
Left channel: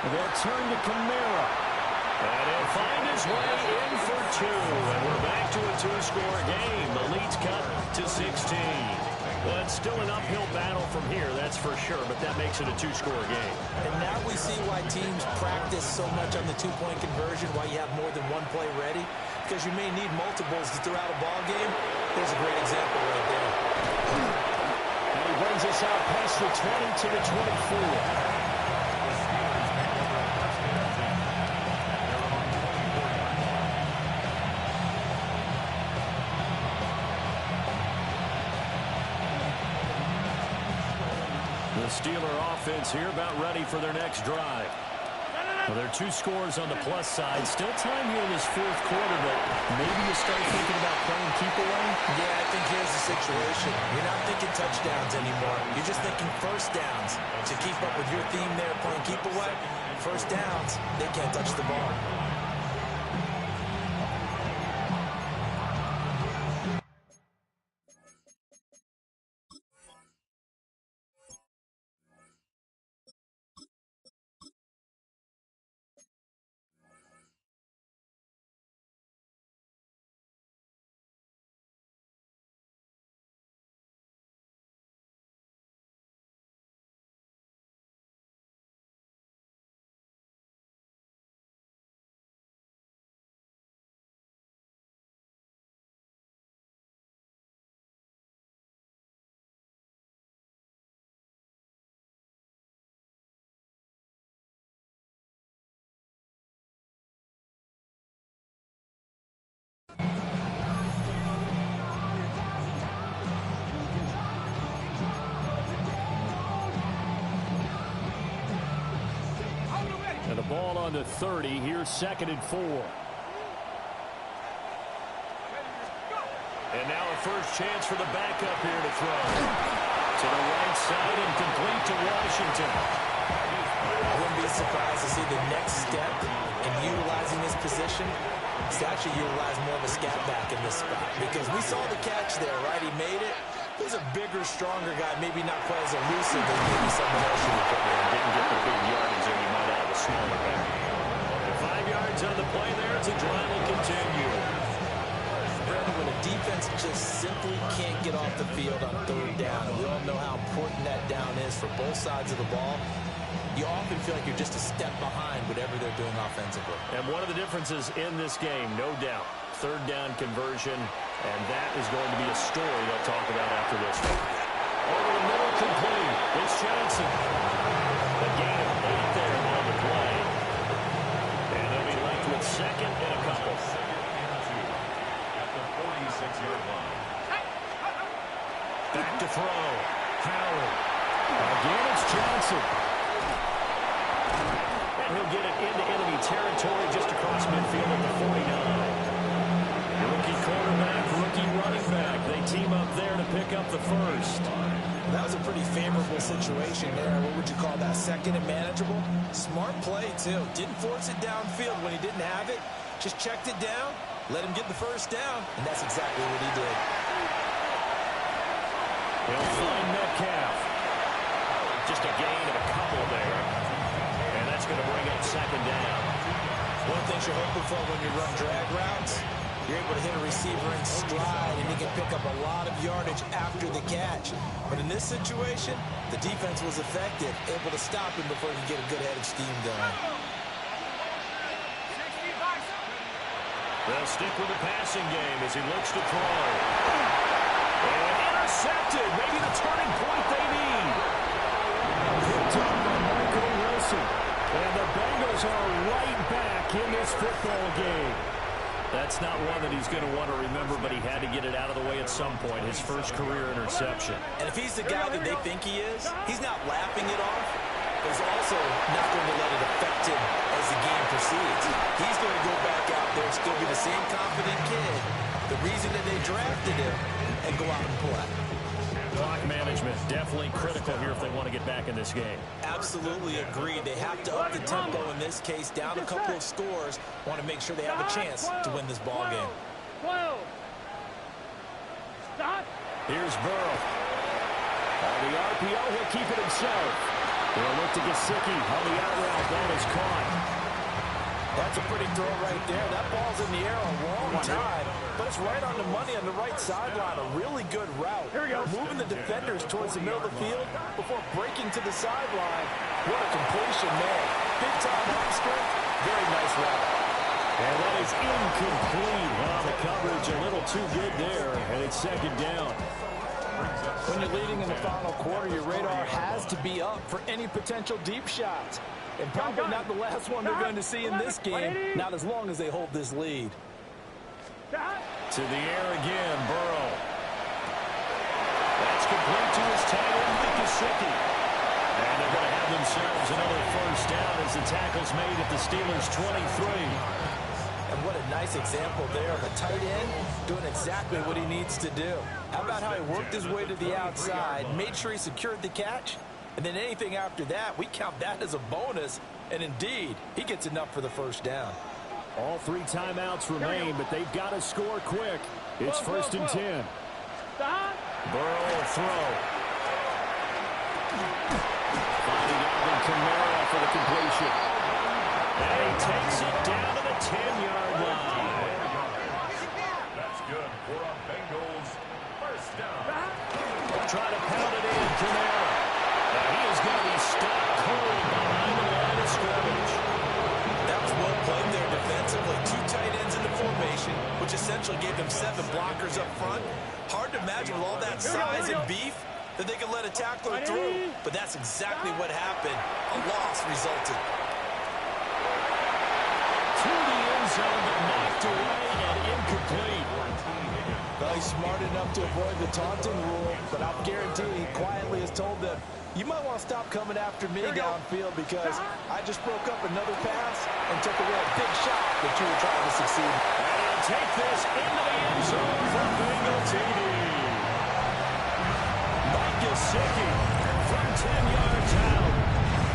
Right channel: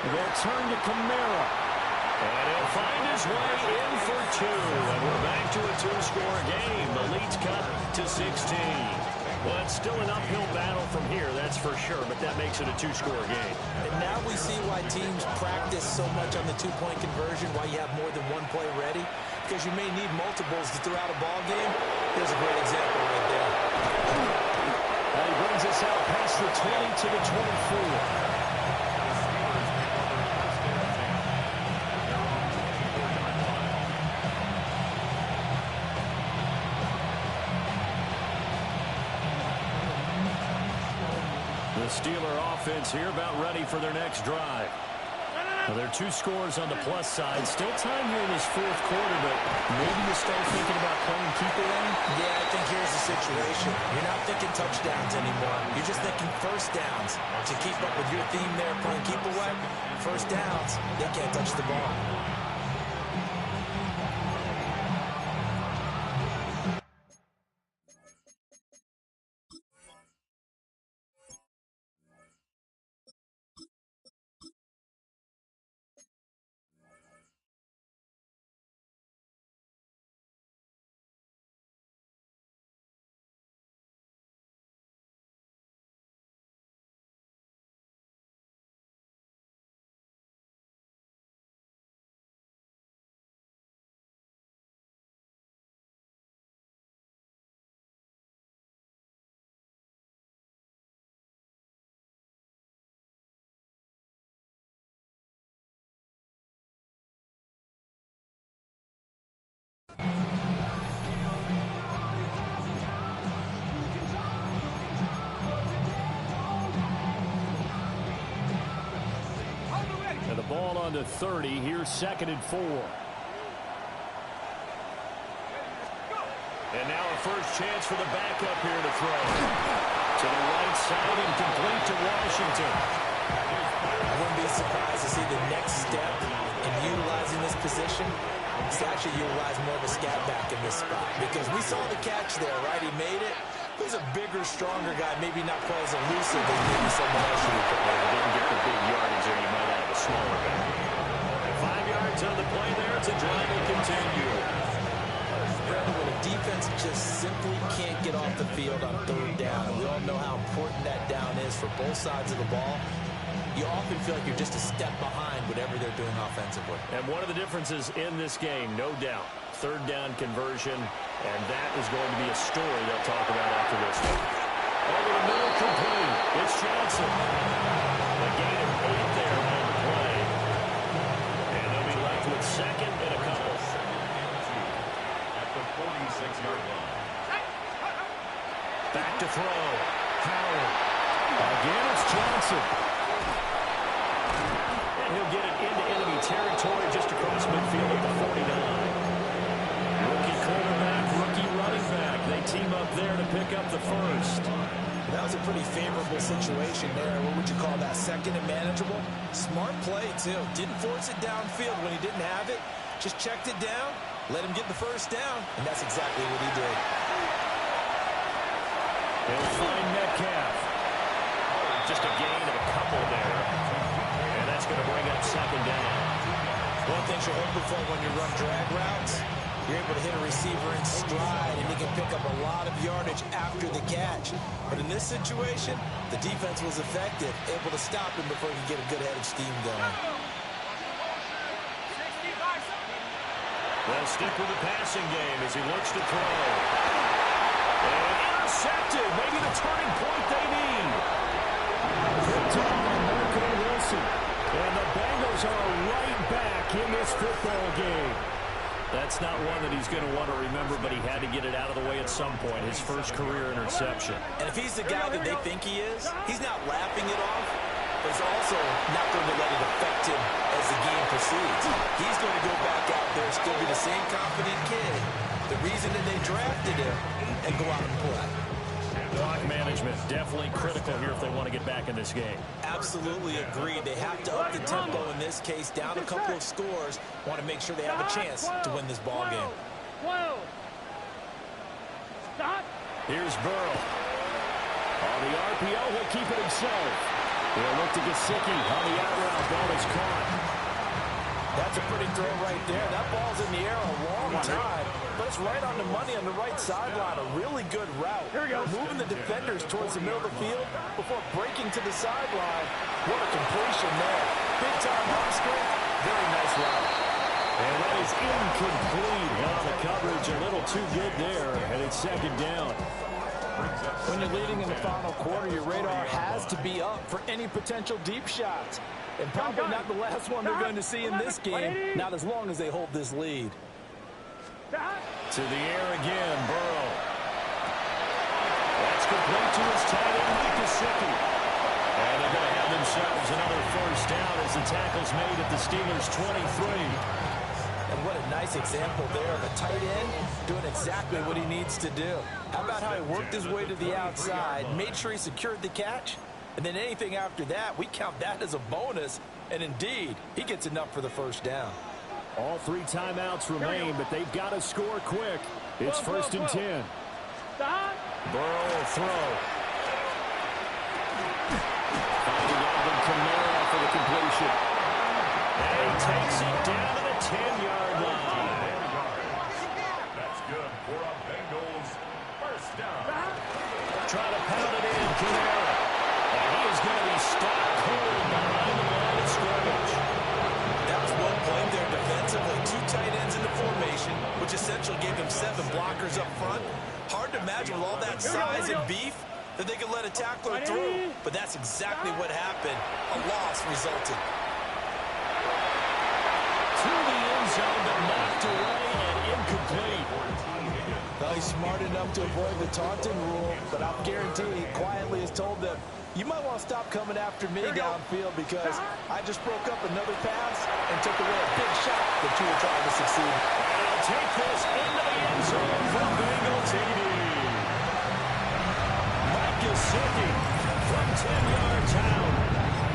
They'll turn to Kamara. And he'll find his way in for 2. And we're back to a 2-score game. The lead's cut to 16. Well, it's still an uphill battle from here, that's for sure, but that makes it a 2-score game. And now we see why teams practice so much on the 2-point conversion, why you have more than one play ready, because you may need multiples throughout a ball game. Here's a great example right there. And he brings us out past the 20 to the 24. The Steeler offense here about ready for their next drive. Well, there are 2 scores on the plus side. Still time here in this fourth quarter, but maybe you start thinking about playing keep away? Yeah, I think here's the situation. You're not thinking touchdowns anymore. You're just thinking first downs. To keep up with your theme there, playing keep away, first downs, they can't touch the ball. ball on the 30. Here's 2nd and 4. And now a first chance for the backup here to throw. To the right side and complete to Washington. I wouldn't be surprised to see the next step in utilizing this position is to actually utilize more of a scat back in this spot. Because we saw the catch there, right? He made it. He's a bigger, stronger guy, maybe not quite as elusive as maybe someone else should be put there. Didn't get the big yardage there. You might have a smaller back. 5 yards on the play there. It's a drive will continue. Brandon, when a defense just simply can't get off the field on 3rd down, and we all know how important that down is for both sides of the ball, you often feel like you're just a step behind whatever they're doing offensively. And one of the differences in this game, no doubt, 3rd down conversion, and that is going to be a story they'll talk about after this one. Over the middle, complete. It's Johnson. A gain of 8 there on the play. And they'll be left with 2nd and a couple. 2nd and 2 at the 46-yard line. Back to throw. Howard. Again, it's Johnson. And he'll get it into enemy territory just across midfield at the 49. Rookie quarterback, rookie running back. They team up there to pick up the first. That was a pretty favorable situation there. What would you call that? 2nd and manageable? Smart play, too. Didn't force it downfield when he didn't have it. Just checked it down, let him get the first down, and that's exactly what he did. He'll find Metcalf. Just a gain of a couple there. And that's going to bring up 2nd down. One thing you're hoping for when you run drag routes, you're able to hit a receiver in stride, and he can pick up a lot of yardage after the catch. But in this situation, the defense was effective, able to stop him before he could get a good head of steam going. They'll stick with the passing game as he looks to throw. And intercepted. Maybe the turning point they need. Picked up by Michael Wilson. And the Bengals are right back in this football game. That's not one that he's going to want to remember, but he had to get it out of the way at some point. His first career interception. And if he's the guy that they think he is, he's not laughing it off, but he's also not going to let it affect him as the game proceeds. He's going to go back out there, still be the same confident kid, the reason that they drafted him, and go out and play. Clock management, definitely critical here if they want to get back in this game. Absolutely agreed. They have to up the tempo in this case, down a couple of scores. Want to make sure they have a chance to win this ball game. Here's Burrow. On the RPO, he'll keep it himself. He'll look to Gesicki on the out route. Ball is caught. That's a pretty throw right there. That ball's in the air a long time, but it's right on the money on the right sideline. A really good route. Moving the defenders towards the middle of the field before breaking to the sideline. What a completion there. Big-time arm strength. Very nice route. And that is incomplete. Well, the coverage a little too good there, and it's 2nd down. When you're leading in the final quarter, your radar has to be up for any potential deep shots. And probably not the last one they're going to see in this game, not as long as they hold this lead. To the air again, Burrow. That's complete to his tight end, Gesicki. And they're going to have themselves another first down as the tackle's made at the Steelers' 23. And what a nice example there of a tight end doing exactly what he needs to do. How about how he worked his way to the outside, made sure he secured the catch, and then anything after that, we count that as a bonus. And indeed, he gets enough for the first down. All 3 timeouts remain, but they've got to score quick. It's 1st and 10. Burrow will throw. Finding Alvin Kamara for the completion. And he takes it down to the 10-yard line. That's good for a Bengals first down. Try to pound it in, Kamara. And he is going to be stopped cold behind the line of scrimmage. That was well played there defensively. 2 tight ends in the formation, which essentially gave them 7 blockers up front. Hard to imagine with all that size and beef that they could let a tackler through. But that's exactly what happened. A loss resulted. to the end zone, but knocked away and incomplete. Well, he's smart enough to avoid the taunting rule, but I'm guaranteed he quietly has told them, you might want to stop coming after me downfield because I just broke up another pass and took away a big shot that you were trying to succeed. And he'll take this into the end zone for a Bengal TD. Mike Gesicki from 10 yards out.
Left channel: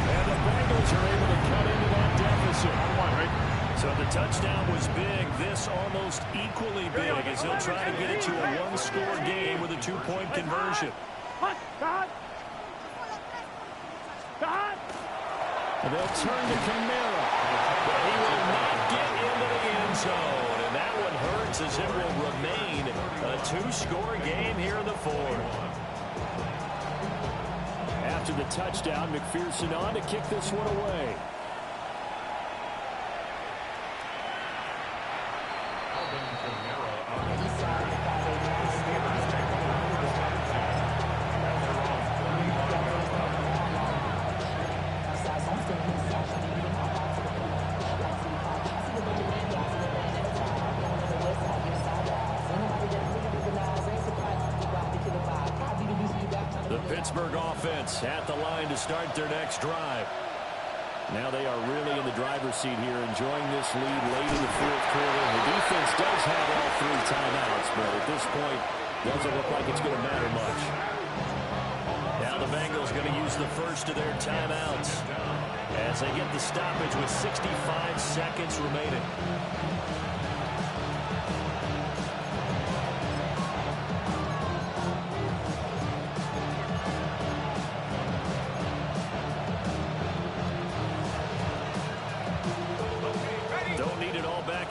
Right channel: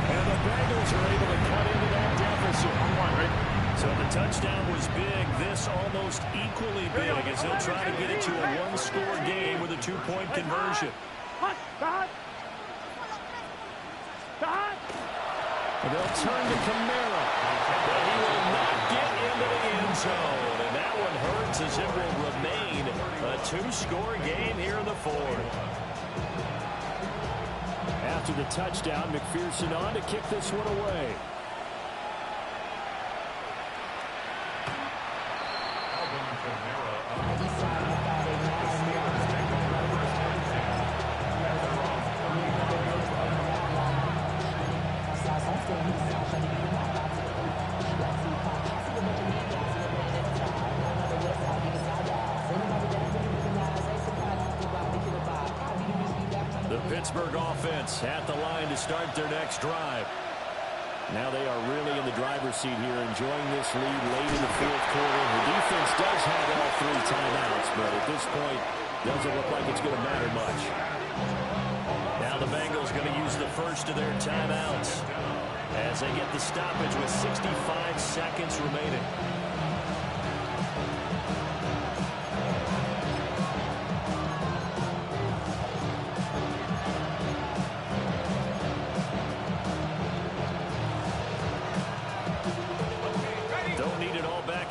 And the Bengals are able to cut into that deficit. On one, right? So the touchdown was big. This almost equally big as they'll try to get it to a one-score game with a two-point conversion. And they'll turn to Kamara. But he will not get into the end zone. And that one hurts as it will remain a two-score game here in the fourth. After the touchdown, McPherson on to kick this one away. The Pittsburgh offense at the line to start their next drive. Now they are really in the driver's seat here, enjoying this lead late in the fourth quarter. The defense does have all three timeouts, but at this point, doesn't look like it's going to matter much. Now the Bengals going to use the first of their timeouts as they get the stoppage with 65 seconds remaining.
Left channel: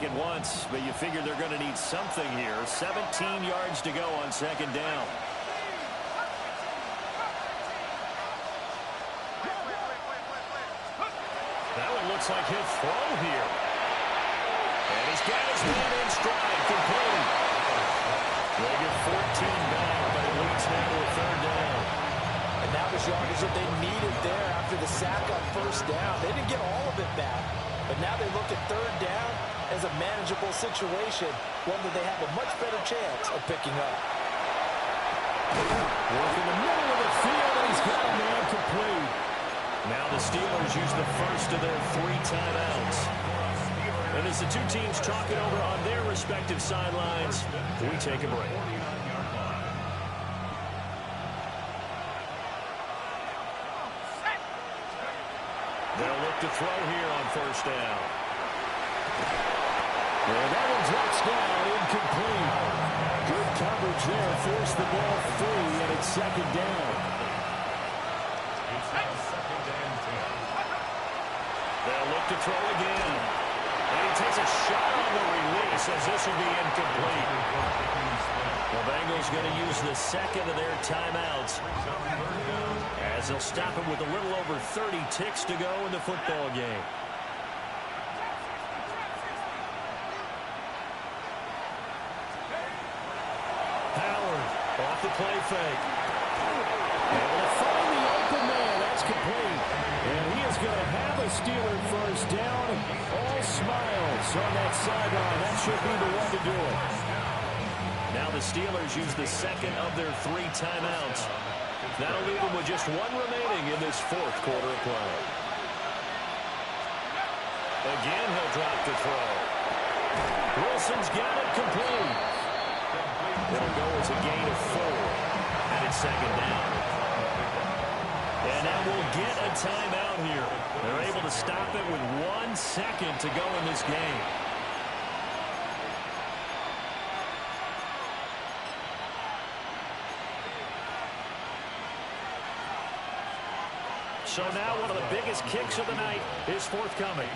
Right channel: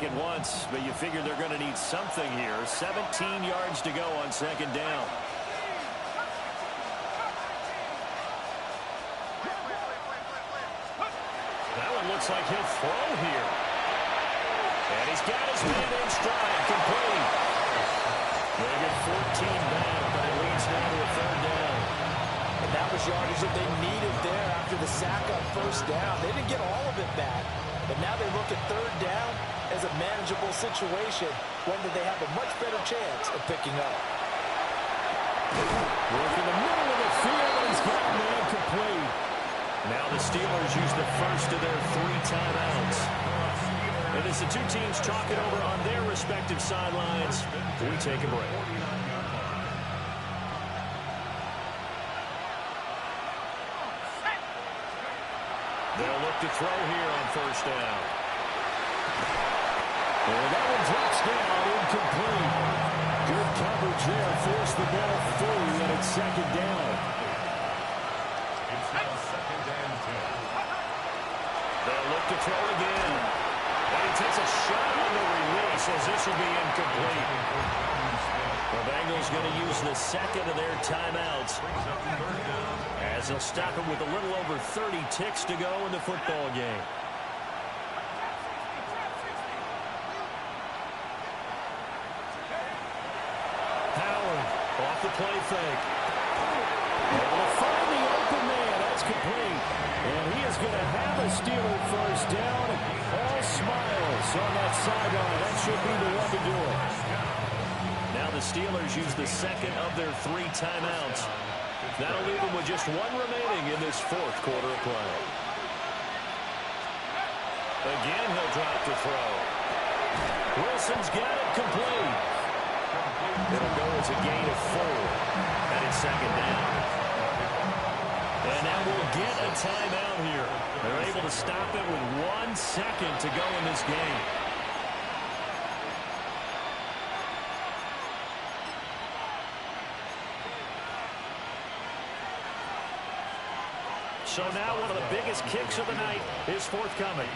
At once, but you figure they're going to need something here. 17 yards to go on second down. That one looks like he'll throw here. And he's got his man in stride, complete. They get 14 back, but it leads now to a third down. And that was yardage that they needed there after the sack on first down. They didn't get all of it back, but now they look at third down as a manageable situation, one that they have a much better chance of picking up. Work in the middle of the field, and he's got a man complete. Now the Steelers use the first of their three timeouts. And as the two teams talk it over on their respective sidelines, we take a break. They'll look to throw here on first down. And that one drops down, incomplete. Good coverage there, forced the ball free, and it's second down. It's now second and 10. They'll look to throw again. And he takes a shot on the release as this will be incomplete. The Bengals going to use the second of their timeouts as they'll stop it with a little over 30 ticks to go in the football game. Off the play fake. Able to find the open man. That's complete. And he is going to have a Steeler first down. All smiles on that sideline. That should be the one to do it. Now the Steelers use the second of their three timeouts. That'll leave them with just one remaining in this fourth quarter of play. Again, he'll drop the throw. Wilson's got it complete. It'll go as a gain of 4. And it's second down. And now we'll get a timeout here. They're able to stop it with 1 second to go in this game. So now one of the biggest kicks of the night is forthcoming.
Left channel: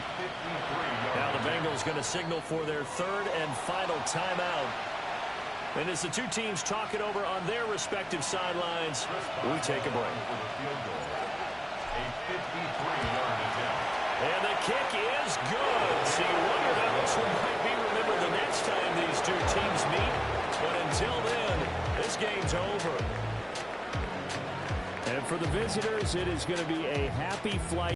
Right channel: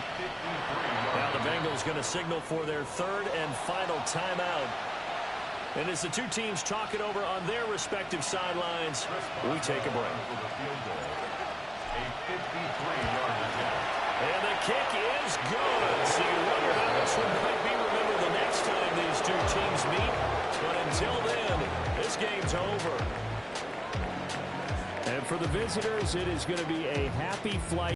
Now the Bengals going to signal for their third and final timeout. And as the two teams talk it over on their respective sidelines, we take a break. A 53-yard attempt. And the kick is good. So you wonder how this one might be remembered the next time these two teams meet. But until then, this game's over. And for the visitors, it is going to be a happy flight.